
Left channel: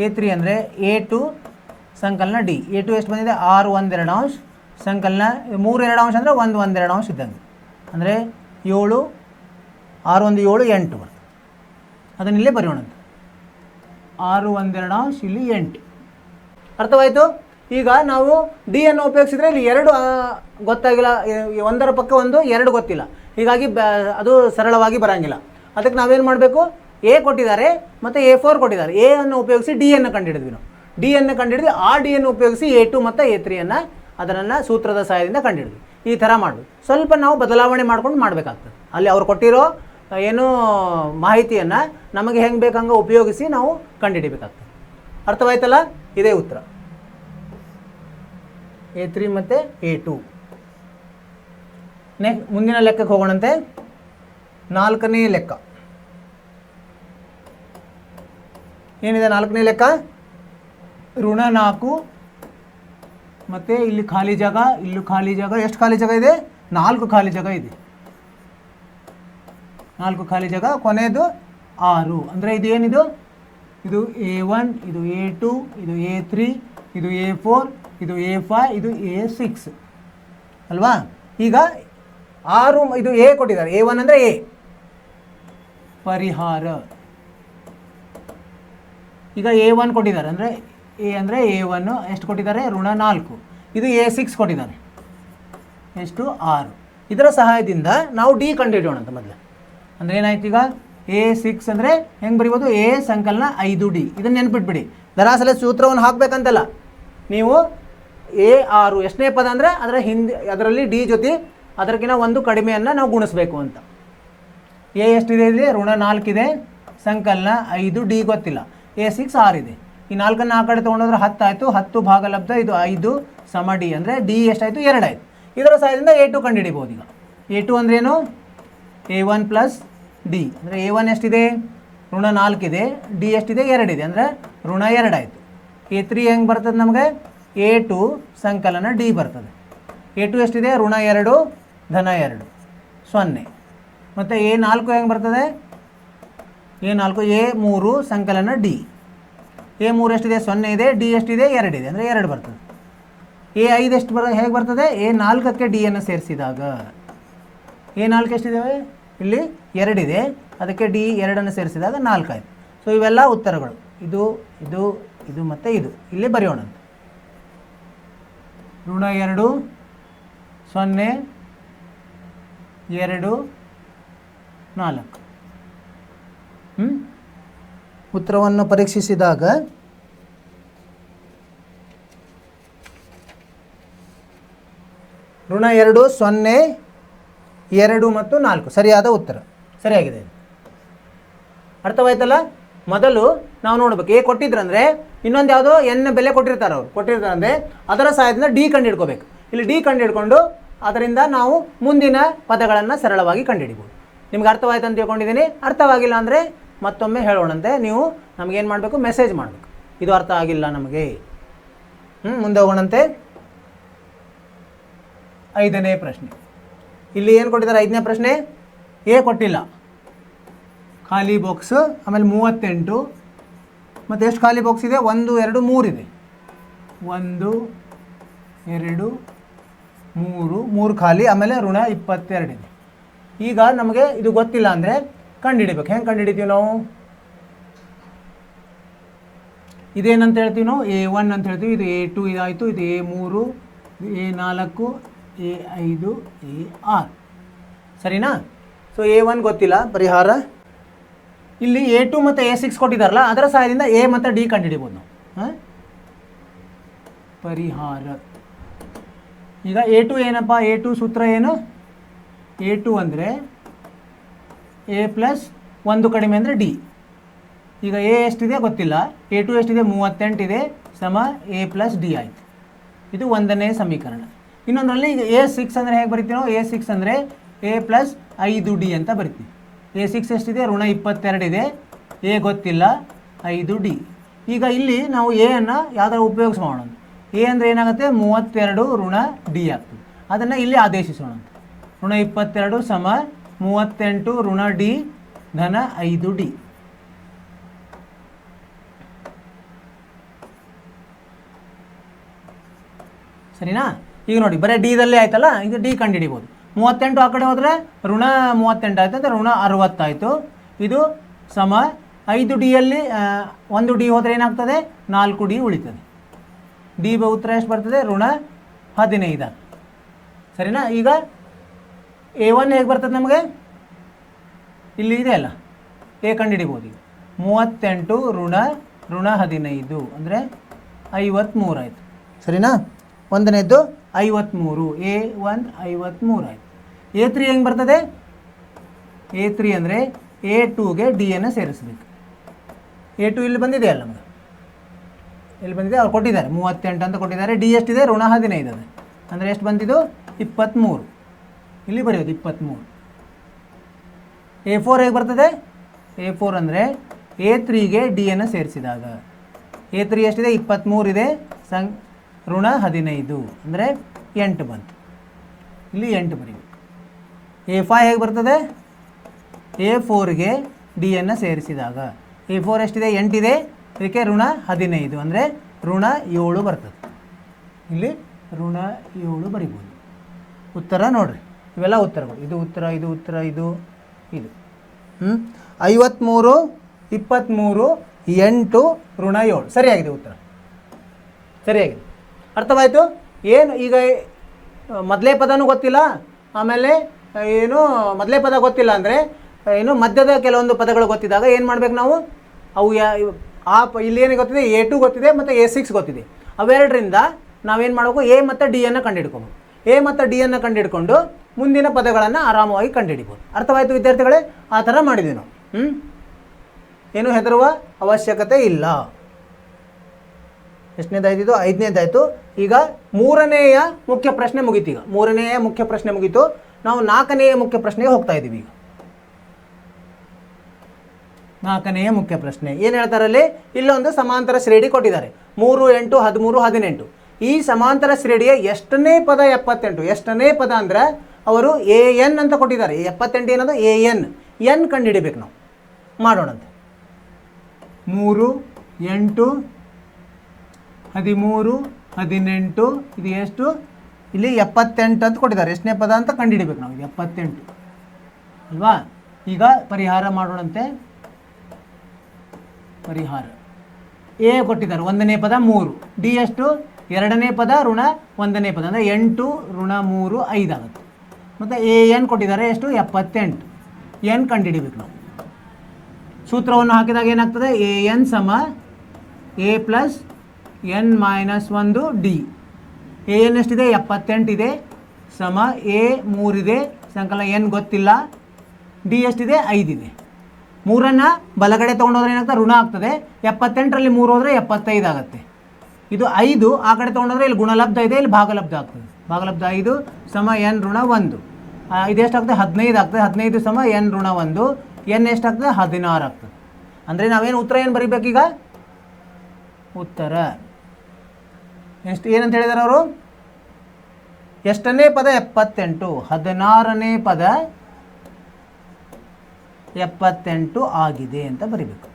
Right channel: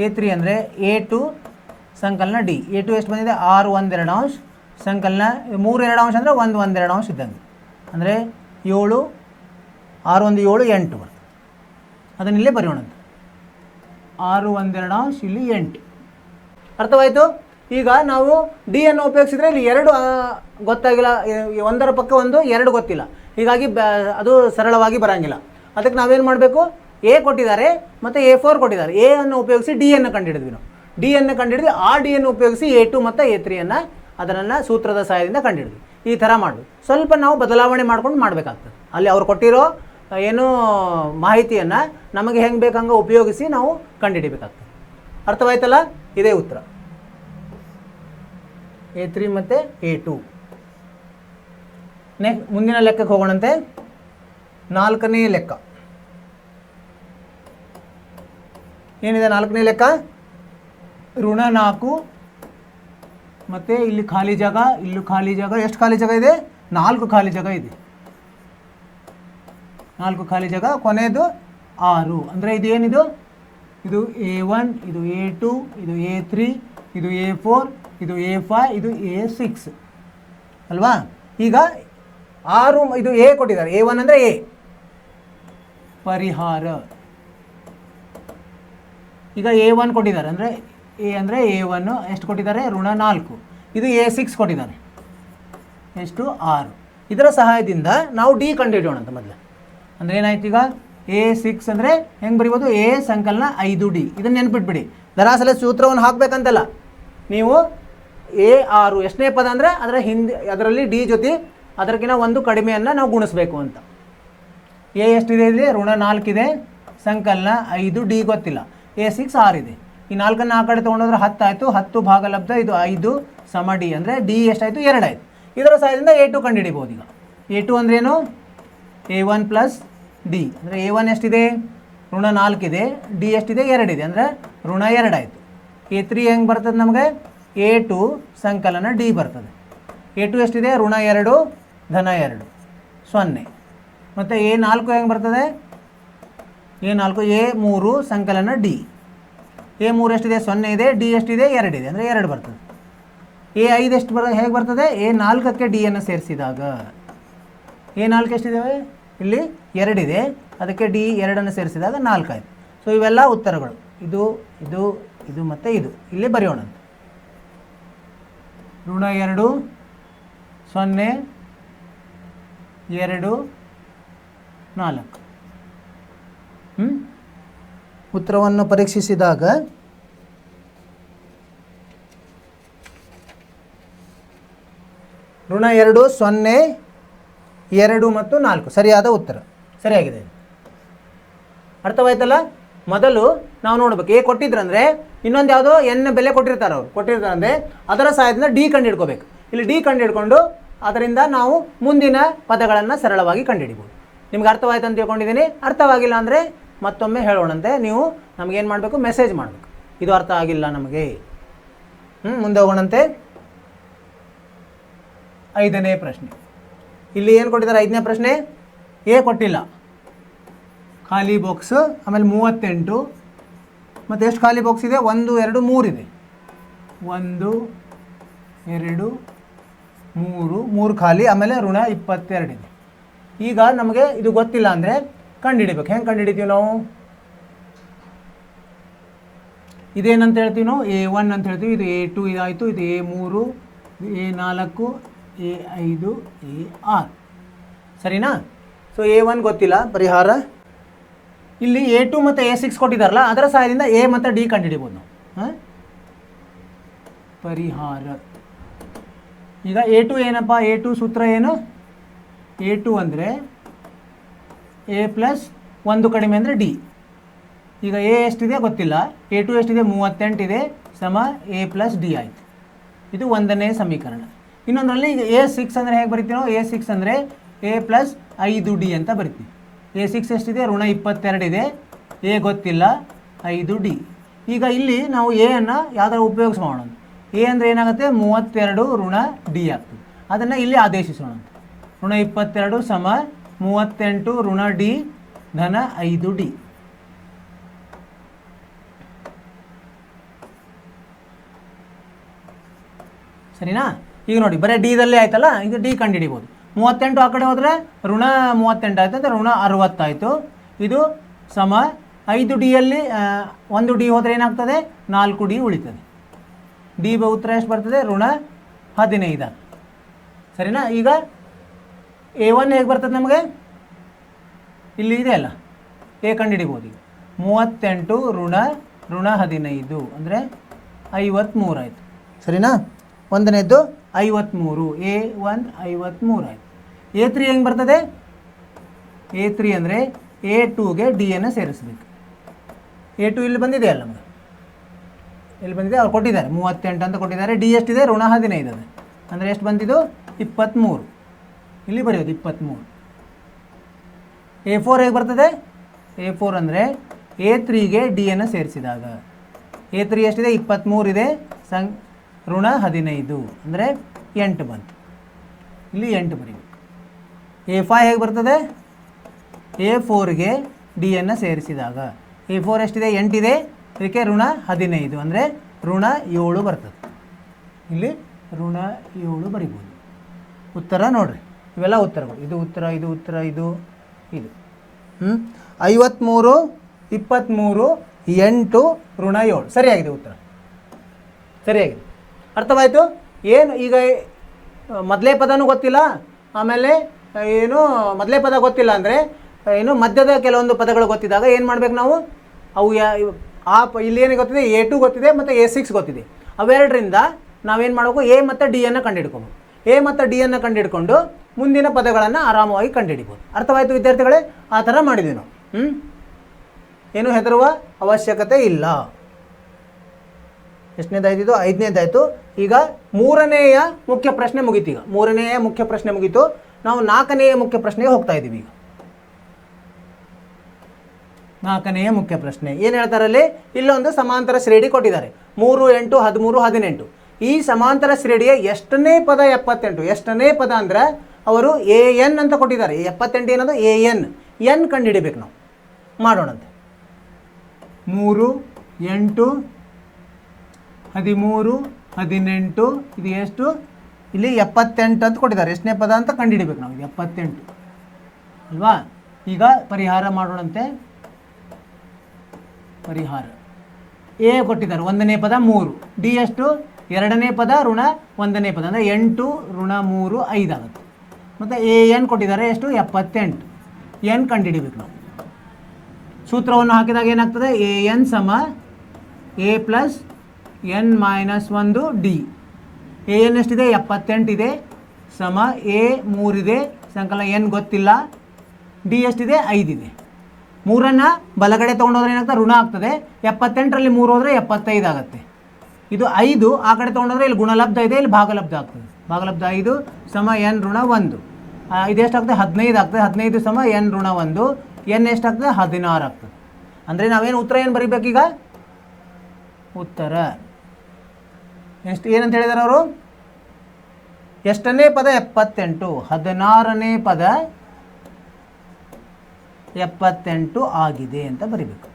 A3 ಅಂದರೆ A2 ಸಂಕಲನ ಡಿ. A2 ಎಷ್ಟು ಬಂದಿದೆ? 6 1/2 ಸಂಕಲನ 3 2 ಅಂದರೆ 1 1/2 ಇದೆ. ಅಂದರೆ 7 6 1 7 8. ಅದನ್ನ ಇಲ್ಲೇ ಬರೆಯೋಣ. 6 1/2 ಇಲ್ಲಿ 8. ಅರ್ಥವಾಯಿತು? ಈಗ ನಾವು ಡಿ ಅನ್ನು ಉಪಯೋಗಿಸಿದ್ರೆ ಇಲ್ಲಿ 2 ಗೊತ್ತಾಗಿಲ್ಲ, ಒಂದರ ಪಕ್ಕ ಒಂದು 2 ಗೊತ್ತಿಲ್ಲ, ಹೀಗಾಗಿ ಅದು ಸರಳವಾಗಿ ಬರೋಂಗಿಲ್ಲ. ಅದಕ್ಕೆ ನಾವೇನು ಮಾಡಬೇಕು? A ಕೊಟ್ಟಿದ್ದಾರೆ ಮತ್ತು A4 ಕೊಟ್ಟಿದ್ದಾರೆ. A ಅನ್ನು ಉಪಯೋಗಿಸಿ ಡಿ ಅನ್ನು ಕಂಡುಹಿಡಿದ್ವಿ. ನಾವು ಡಿ ಅನ್ನು ಕಂಡುಹಿಡಿದು ಆ ಡಿ ಅನ್ನು ಉಪಯೋಗಿಸಿ A2 ಮತ್ತು A3 ಅದನ್ನು ಸೂತ್ರದ ಸಹಾಯದಿಂದ ಕಂಡುಹಿಡಿದ್ವಿ. ಈ ಥರ ಮಾಡಬೇಕು. ಸ್ವಲ್ಪ ನಾವು ಬದಲಾವಣೆ ಮಾಡ್ಕೊಂಡು ಮಾಡಬೇಕಾಗ್ತದೆ. ಅಲ್ಲಿ ಅವ್ರು ಕೊಟ್ಟಿರೋ ಏನು ಮಾಹಿತಿಯನ್ನು ನಮಗೆ ಹೆಂಗೆ ಬೇಕಂಗೆ ಉಪಯೋಗಿಸಿ ನಾವು ಕಂಡುಹಿಡಿಬೇಕಾಗ್ತದೆ. ಅರ್ಥವಾಯ್ತಲ್ಲ? ಇದೇ ಉತ್ತರ. A3 ಮತ್ತು A2. ಮುಂದಿನ ಲೆಕ್ಕಕ್ಕೆ ಹೋಗೋಣಂತೆ. 4ನೇ ಲೆಕ್ಕ ಏನಿದೆ? 4ನೇ ಲೆಕ್ಕ ಋಣ 4 ಮತ್ತು ಇಲ್ಲಿ ಖಾಲಿ ಜಾಗ, ಇಲ್ಲೂ ಖಾಲಿ ಜಾಗ. ಎಷ್ಟು ಖಾಲಿ ಜಾಗ ಇದೆ? 4 ಖಾಲಿ ಜಾಗ ಇದೆ. 4 ಖಾಲಿ ಜಾಗ, ಕೊನೆಯದು 6. ಅಂದರೆ ಇದು ಏನಿದು? ಇದು A1, ಇದು A2, ಇದು A3, ಇದು A4, ಇದು A5, ಇದು A6 ಅಲ್ವಾ? ಈಗ 6 ಇದು A ಕೊಟ್ಟಿದ್ದಾರೆ. A1 ಅಂದರೆ A. ಪರಿಹಾರ ಈಗ A1 ಕೊಟ್ಟಿದ್ದಾರೆ, ಅಂದರೆ A ಅಂದರೆ A1 ಎಷ್ಟು ಕೊಟ್ಟಿದ್ದಾರೆ? ಋಣ 4. ಇದು A6 ಕೊಟ್ಟಿದ್ದಾರೆ, ಎಷ್ಟು? 6. ಇದರ ಸಹಾಯದಿಂದ ನಾವು ಡಿ ಕಂಡುಹಿಡಿಯೋಣ ಅಂತ ಮೊದಲು. ಅಂದರೆ ಏನಾಯ್ತು? ಈಗ A6 ಅಂದರೆ ಹೆಂಗೆ ಬರೀಬೋದು? A ಸಂಕಲನ 5D. ಇದನ್ನು ನೆನ್ಪಿಟ್ಬಿಡಿ. ದರಾಸಲ ಸೂತ್ರವನ್ನು ಹಾಕಬೇಕಂತಲ್ಲ, ನೀವು A6 ಎಷ್ಟನೇ ಪದ ಅಂದರೆ ಅದರಲ್ಲಿ ಡಿ ಜೊತೆ ಅದಕ್ಕಿಂತ ಒಂದು ಕಡಿಮೆಯನ್ನು ನಾವು ಗುಣಿಸ್ಬೇಕು ಅಂತ. A ಎಷ್ಟಿದೆ? ಇಲ್ಲಿ ಋಣ 4 ಇದೆ, ಸಂಕಲನ 5D ಗೊತ್ತಿಲ್ಲ. A6 6 ಇದೆ. ಈ 4ನ್ನು ಆ ಕಡೆ ತೊಗೊಂಡೋದ್ರೆ 10 ಆಯಿತು. 10 ಭಾಗಲಬ್ಧ ಇದು 5 ಸಮ ಡಿ. ಅಂದರೆ ಡಿ ಎಷ್ಟಾಯಿತು? 2 ಆಯಿತು. ಇದರ ಸಹಾಯದಿಂದ A2 ಕಂಡುಹಿಡಿಬೋದು. A2 ಅಂದ್ರೇನು? A1 + D. ಅಂದರೆ A1 ಎಷ್ಟಿದೆ? ಋಣ 4 ಇದೆ. ಡಿ ಎಷ್ಟಿದೆ? 2 ಇದೆ. ಅಂದರೆ ಋಣ 2 ಆಯಿತು. A3 ಹೆಂಗೆ ಬರ್ತದೆ ನಮಗೆ? A2 ಸಂಕಲನ ಡಿ ಬರ್ತದೆ. A2 ಎಷ್ಟಿದೆ? ಋಣ 2 ಧನ 2 0. ಮತ್ತು A4 ಹೆಂಗೆ ಬರ್ತದೆ? A4 A3 ಸಂಕಲನ ಡಿ. A3 ಎಷ್ಟಿದೆ? 0 ಇದೆ. ಡಿ ಎಷ್ಟಿದೆ? 2 ಇದೆ. ಅಂದರೆ 2 ಬರ್ತದೆ. A5 ಎಷ್ಟು ಹೇಗೆ ಬರ್ತದೆ? A4ಕ್ಕೆ ಡಿ ಅನ್ನು ಸೇರಿಸಿದಾಗ A4 ಎಷ್ಟಿದ್ದಾವೆ? ಇಲ್ಲಿ 2 ಇದೆ, ಅದಕ್ಕೆ ಡಿ 2 ಸೇರಿಸಿದಾಗ 4 ಆಯಿತು. ಸೊ ಇವೆಲ್ಲ ಉತ್ತರಗಳು. ಇದು ಇದು ಇದು ಮತ್ತು ಇದು ಇಲ್ಲಿ ಬರೆಯೋಣ. ಋಣ 2 0 2 4. ಉತ್ತರವನ್ನು ಪರೀಕ್ಷಿಸಿದಾಗ ಋಣ 2 0 2 ಮತ್ತು 4 ಸರಿಯಾದ ಉತ್ತರ. ಸರಿಯಾಗಿದೆ. ಅರ್ಥವಾಯ್ತಲ್ಲ? ಮೊದಲು ನಾವು ನೋಡ್ಬೇಕು, ಎ ಕೊಟ್ಟಿದ್ರಂದ್ರೆ ಇನ್ನೊಂದು ಯಾವುದೋ ಎನ್ ಬೆಲೆ ಕೊಟ್ಟಿರ್ತಾರೆ, ಅವರು ಕೊಟ್ಟಿರ್ತಾರಂದ್ರೆ ಅದರ ಸಹಾಯದಿಂದ ಡಿ ಕಂಡು ಹಿಡ್ಕೋಬೇಕು. ಇಲ್ಲಿ ಡಿ ಕಂಡು ಹಿಡ್ಕೊಂಡು ಅದರಿಂದ ನಾವು ಮುಂದಿನ ಪದಗಳನ್ನು ಸರಳವಾಗಿ ಕಂಡುಹಿಡಿಬೋದು. ನಿಮ್ಗೆ ಅರ್ಥವಾಯ್ತು ಅಂತ ತಿಳ್ಕೊಂಡಿದ್ದೀನಿ. ಅರ್ಥವಾಗಿಲ್ಲ ಅಂದರೆ ಮತ್ತೊಮ್ಮೆ ಹೇಳೋಣಂತೆ. ನೀವು ನಮಗೇನು ಮಾಡಬೇಕು, ಮೆಸೇಜ್ ಮಾಡಬೇಕು, ಇದು ಅರ್ಥ ಆಗಿಲ್ಲ ನಮಗೆ. ಮುಂದೆ ಹೋಗೋಣಂತೆ. 5ನೇ ಪ್ರಶ್ನೆ. ಇಲ್ಲಿ ಏನು ಕೊಟ್ಟಿದ್ದಾರೆ? 5ನೇ ಪ್ರಶ್ನೆ. ಎ ಕೊಟ್ಟಿಲ್ಲ, ಖಾಲಿ ಬಾಕ್ಸ್. ಆಮೇಲೆ 38 ಮತ್ತು ಎಷ್ಟು ಖಾಲಿ ಬಾಕ್ಸ್ ಇದೆ? 1 2 3 ಇದೆ. 1 2 3 ಖಾಲಿ. ಆಮೇಲೆ ಋಣ 22 ಇದೆ. ಈಗ ನಮಗೆ ಇದು ಗೊತ್ತಿಲ್ಲ ಅಂದರೆ ಕಂಡುಹಿಡಿಬೇಕು. ಹೆಂಗೆ ಕಂಡುಹಿಡಿತೀವಿ ನಾವು? ಇದೇನಂತ ಹೇಳ್ತೀವಿ ನಾವು? A1 ಅಂತ ಹೇಳ್ತೀವಿ. ಇದು A2 ಇದಾಯಿತು, ಇದು A3, A4, A5, A6. ಸರಿನಾ? ಸೊ A1 ಗೊತ್ತಿಲ್ಲ, ಪರಿಹಾರ. ಇಲ್ಲಿ A2 ಮತ್ತು A6 ಕೊಟ್ಟಿದ್ದಾರಲ್ಲ, ಅದರ ಸಹಾಯದಿಂದ ಎ ಮತ್ತು ಡಿ ಕಂಡುಹಿಡಿಬೋದು ನಾವು. ಪರಿಹಾರ. ಈಗ A2 ಏನಪ್ಪ? A2 ಸೂತ್ರ ಏನು? A2 ಅಂದರೆ A ಪ್ಲಸ್ 1 ಕಡಿಮೆ ಅಂದರೆ ಡಿ. ಈಗ ಎ ಎಷ್ಟಿದೆ ಗೊತ್ತಿಲ್ಲ, A2 ಎಷ್ಟಿದೆ? 38 ಇದೆ, ಸಮ A ಪ್ಲಸ್ ಡಿ ಆಯಿತು. ಇದು 1ನೇ ಸಮೀಕರಣ. ಇನ್ನೊಂದರಲ್ಲಿ ಈಗ A6 ಅಂದರೆ ಹೇಗೆ ಬರಿತೀವಿ ನಾವು? A6 ಅಂದರೆ A ಪ್ಲಸ್ 5 ಡಿ ಅಂತ ಬರ್ತೀವಿ. A6 ಎಷ್ಟಿದೆ? ಋಣ 22 ಇದೆ. ಎ ಗೊತ್ತಿಲ್ಲ, 5 ಡಿ. ಈಗ ಇಲ್ಲಿ ನಾವು ಎ ಅನ್ನು ಯಾವ್ದಾರು ಉಪಯೋಗಿಸೋಣ. ಎ ಅಂದರೆ ಏನಾಗುತ್ತೆ? 32 ಋಣ ಡಿ ಆಗ್ತದೆ. ಅದನ್ನು ಇಲ್ಲಿ ಆದೇಶಿಸೋಣ. ಋಣ 22 ಸಮ 38 ಋಣ ಡಿ ಧನ 5 ಡಿ. ಸರಿನಾ? ಈಗ ನೋಡಿ, ಬರೀ ಡಿದಲ್ಲೇ ಆಯ್ತಲ್ಲ, ಇದು ಡಿ ಕಂಡುಹಿಡಿಬೋದು. 38 ಆ ಕಡೆ ಹೋದರೆ ಋಣ 38 ಆಯ್ತು ಅಂತ ಋಣ 60 ಆಯಿತು. ಇದು ಸಮ 5 ಡಿಯಲ್ಲಿ 1 ಡಿ ಹೋದರೆ ಏನಾಗ್ತದೆ? 4 ಡಿ ಉಳಿತದೆ. ಡಿ ಉತ್ತರ ಎಷ್ಟು ಬರ್ತದೆ? ಋಣ 15. ಸರಿನಾ? ಈಗ A1 ಹೇಗೆ ಬರ್ತದೆ ನಮಗೆ? ಇಲ್ಲಿ ಇದೆ ಅಲ್ಲ, ಎ ಕಂಡುಹಿಡಿಬೋದು. 38 ಋಣ 15 ಅಂದರೆ 53 ಆಯಿತು. ಸರಿನಾ? 1ನೇದ್ದು 53. A1 53 ಆಯಿತು. A3 ಹೆಂಗೆ ಬರ್ತದೆ? A3 ಅಂದರೆ A2ಗೆ ಡಿಯನ್ನು ಸೇರಿಸಬೇಕು. A2 ಇಲ್ಲಿ ಬಂದಿದೆ ಅಲ್ಲ ನಮಗೆ, ಇಲ್ಲಿ ಬಂದಿದೆ, ಅವ್ರು ಕೊಟ್ಟಿದ್ದಾರೆ 38 ಅಂತ ಕೊಟ್ಟಿದ್ದಾರೆ. ಡಿ ಎಷ್ಟಿದೆ? ಋಣ 15 ಅದು ಅಂದರೆ ಎಷ್ಟು ಬಂದಿದ್ದು? 23. ಇಲ್ಲಿ ಬರೆಯೋದು 23. A4 ಹೇಗೆ ಬರ್ತದೆ? A4 ಅಂದರೆ A3ಗೆ ಡಿಯನ್ನು ಸೇರಿಸಿದಾಗ A3 ಎಷ್ಟಿದೆ? 23 ಇದೆ, ಋಣ 15 ಅಂದರೆ 8 ಬಂತು. ಇಲ್ಲಿ 8 ಬರೀಬೇಕು. A5 ಹೇಗೆ ಬರ್ತದೆ? A4ಗೆ ಡಿಯನ್ನು ಸೇರಿಸಿದಾಗ A4 ಎಷ್ಟಿದೆ? 8 ಇದೆ, ಅದಕ್ಕೆ ಋಣ 15 ಅಂದರೆ ಋಣ 7 ಬರ್ತದೆ. ಇಲ್ಲಿ ಋಣ 7 ಬರಿಬೋದು. ಉತ್ತರ ನೋಡ್ರಿ, ಇವೆಲ್ಲ ಉತ್ತರಗಳು. ಇದು ಉತ್ತರ, ಇದು ಉತ್ತರ, ಇದು 53 23 8 ಋಣ 7 ಸರಿಯಾಗಿದೆ ಉತ್ತರ. ಸರಿಯಾಗಿದೆ. ಅರ್ಥವಾಯಿತು? ಏನು ಈಗ ಮೊದಲೇ ಪದನೂ ಗೊತ್ತಿಲ್ಲ, ಆಮೇಲೆ ಏನು ಮೊದಲೇ ಪದ ಗೊತ್ತಿಲ್ಲ ಅಂದರೆ ಏನು ಮಧ್ಯದ ಕೆಲವೊಂದು ಪದಗಳು ಗೊತ್ತಿದ್ದಾಗ ಏನು ಮಾಡ್ಬೇಕು ನಾವು? ಅವು ಇಲ್ಲಿ ಏನು ಗೊತ್ತಿದೆ? A2 ಗೊತ್ತಿದೆ ಮತ್ತು A6 ಗೊತ್ತಿದೆ. ಅವೆರಡರಿಂದ ನಾವೇನು ಮಾಡಬೇಕು? ಎ ಮತ್ತು ಡಿಯನ್ನು ಕಂಡುಹಿಡ್ಕೊಬೇಕು. ಎ ಮತ್ತು ಡಿಯನ್ನು ಕಂಡುಹಿಡ್ಕೊಂಡು ಮುಂದಿನ ಪದಗಳನ್ನು ಆರಾಮವಾಗಿ ಕಂಡುಹಿಡಿಬೋದು. ಅರ್ಥವಾಯಿತು ವಿದ್ಯಾರ್ಥಿಗಳೇ? ಆ ಥರ ಮಾಡಿದ್ವಿ ನಾವು. ಏನು ಹೆದರುವ ಅವಶ್ಯಕತೆ ಇಲ್ಲ. ಎಷ್ಟನೇದಾಯ್ತು? 5ನೇದಾಯಿತು. ಈಗ 3ನೇಯ ಮುಖ್ಯ ಪ್ರಶ್ನೆ ಮುಗೀತು. ಈಗ 3ನೇಯ ಮುಖ್ಯ ಪ್ರಶ್ನೆ ಮುಗೀತು. ನಾವು 4ನೇಯ ಮುಖ್ಯ ಪ್ರಶ್ನೆಗೆ ಹೋಗ್ತಾ ಇದ್ದೀವಿ. 4ನೇಯ ಮುಖ್ಯ ಪ್ರಶ್ನೆ ಏನು ಹೇಳ್ತಾರಲ್ಲಿ? ಇಲ್ಲೊಂದು ಸಮಾಂತರ ಶ್ರೇಣಿ ಕೊಟ್ಟಿದ್ದಾರೆ. 3 8 13 18. ಈ ಸಮಾಂತರ ಶ್ರೇಣಿಯ ಎಷ್ಟನೇ ಪದ 78? ಎಷ್ಟನೇ ಪದ ಅಂದ್ರೆ ಅವರು AN ಅಂತ ಕೊಟ್ಟಿದ್ದಾರೆ. 78 ಏನದು? AN. ಎನ್ ಕಂಡು ಹಿಡಿಬೇಕು ನಾವು. ಮಾಡೋಣ. 3 8 13 18 ಇದು ಎಷ್ಟು? ಇಲ್ಲಿ 78 ಅಂತ ಕೊಟ್ಟಿದ್ದಾರೆ. ಎಷ್ಟನೇ ಪದ ಅಂತ ಕಂಡು ಹಿಡಿಬೇಕು ನಾವು? 78 ಇಲ್ವಾ? ಈಗ ಪರಿಹಾರ ಮಾಡೋಣಂತೆ. ಪರಿಹಾರ ಎ ಕೊಟ್ಟಿದ್ದಾರೆ. 1ನೇ ಪದ 3, ಡಿ ಎಷ್ಟು? ಎರಡನೇ ಪದ ಋಣ ಒಂದನೇ ಪದ ಅಂದರೆ 8 ಋಣ 3 5 ಆಗುತ್ತೆ. ಮತ್ತು ಎ ಎನ್ ಕೊಟ್ಟಿದ್ದಾರೆ ಎಷ್ಟು 78. ಎನ್ ಕಂಡುಹಿಡಿಬೇಕು ನಾವು. ಸೂತ್ರವನ್ನು ಹಾಕಿದಾಗ ಏನಾಗ್ತದೆ ಎ ಎನ್ ಸಮ A plus N minus 1 D. A N ಎಷ್ಟಿದೆ 78 ಇದೆ ಸಮ ಎ 3 ಇದೆ ಸಂಕಲನ ಎನ್ ಗೊತ್ತಿಲ್ಲ, ಡಿ ಎಷ್ಟಿದೆ 5 ಇದೆ. 3 ಬಲಗಡೆ ತೊಗೊಂಡೋದ್ರೆ ಏನಾಗ್ತದೆ ಋಣ ಆಗ್ತದೆ. 78ರಲ್ಲಿ 3 ಹೋದರೆ 75 ಆಗುತ್ತೆ. ಇದು 5 ಆ ಕಡೆ ತೊಗೊಂಡ್ರೆ ಇಲ್ಲಿ ಗುಣಲಬ್ಧ ಇದೆ, ಇಲ್ಲಿ ಭಾಗಲಬ್ಧ ಆಗ್ತದೆ. ಭಾಗಲಬ್ಧ 5 ಸಮ ಎನ್ ಋಣ 1. ಇದು ಎಷ್ಟಾಗ್ತದೆ 15 ಆಗ್ತದೆ. 15 ಸಮ ಎನ್ ಋಣ 1. ಎನ್ ಎಷ್ಟಾಗ್ತದೆ 16 ಆಗ್ತದೆ. ಅಂದರೆ ನಾವೇನು ಉತ್ತರ ಏನು ಬರೀಬೇಕೀಗ? ಉತ್ತರ ಎಷ್ಟು ಏನಂತ ಹೇಳಿದಾರೆ ಅವರು? ಎಷ್ಟನೇ ಪದ 78, 16ನೇ ಪದ 78 ಆಗಿದೆ ಅಂತ ಬರೀಬೇಕು.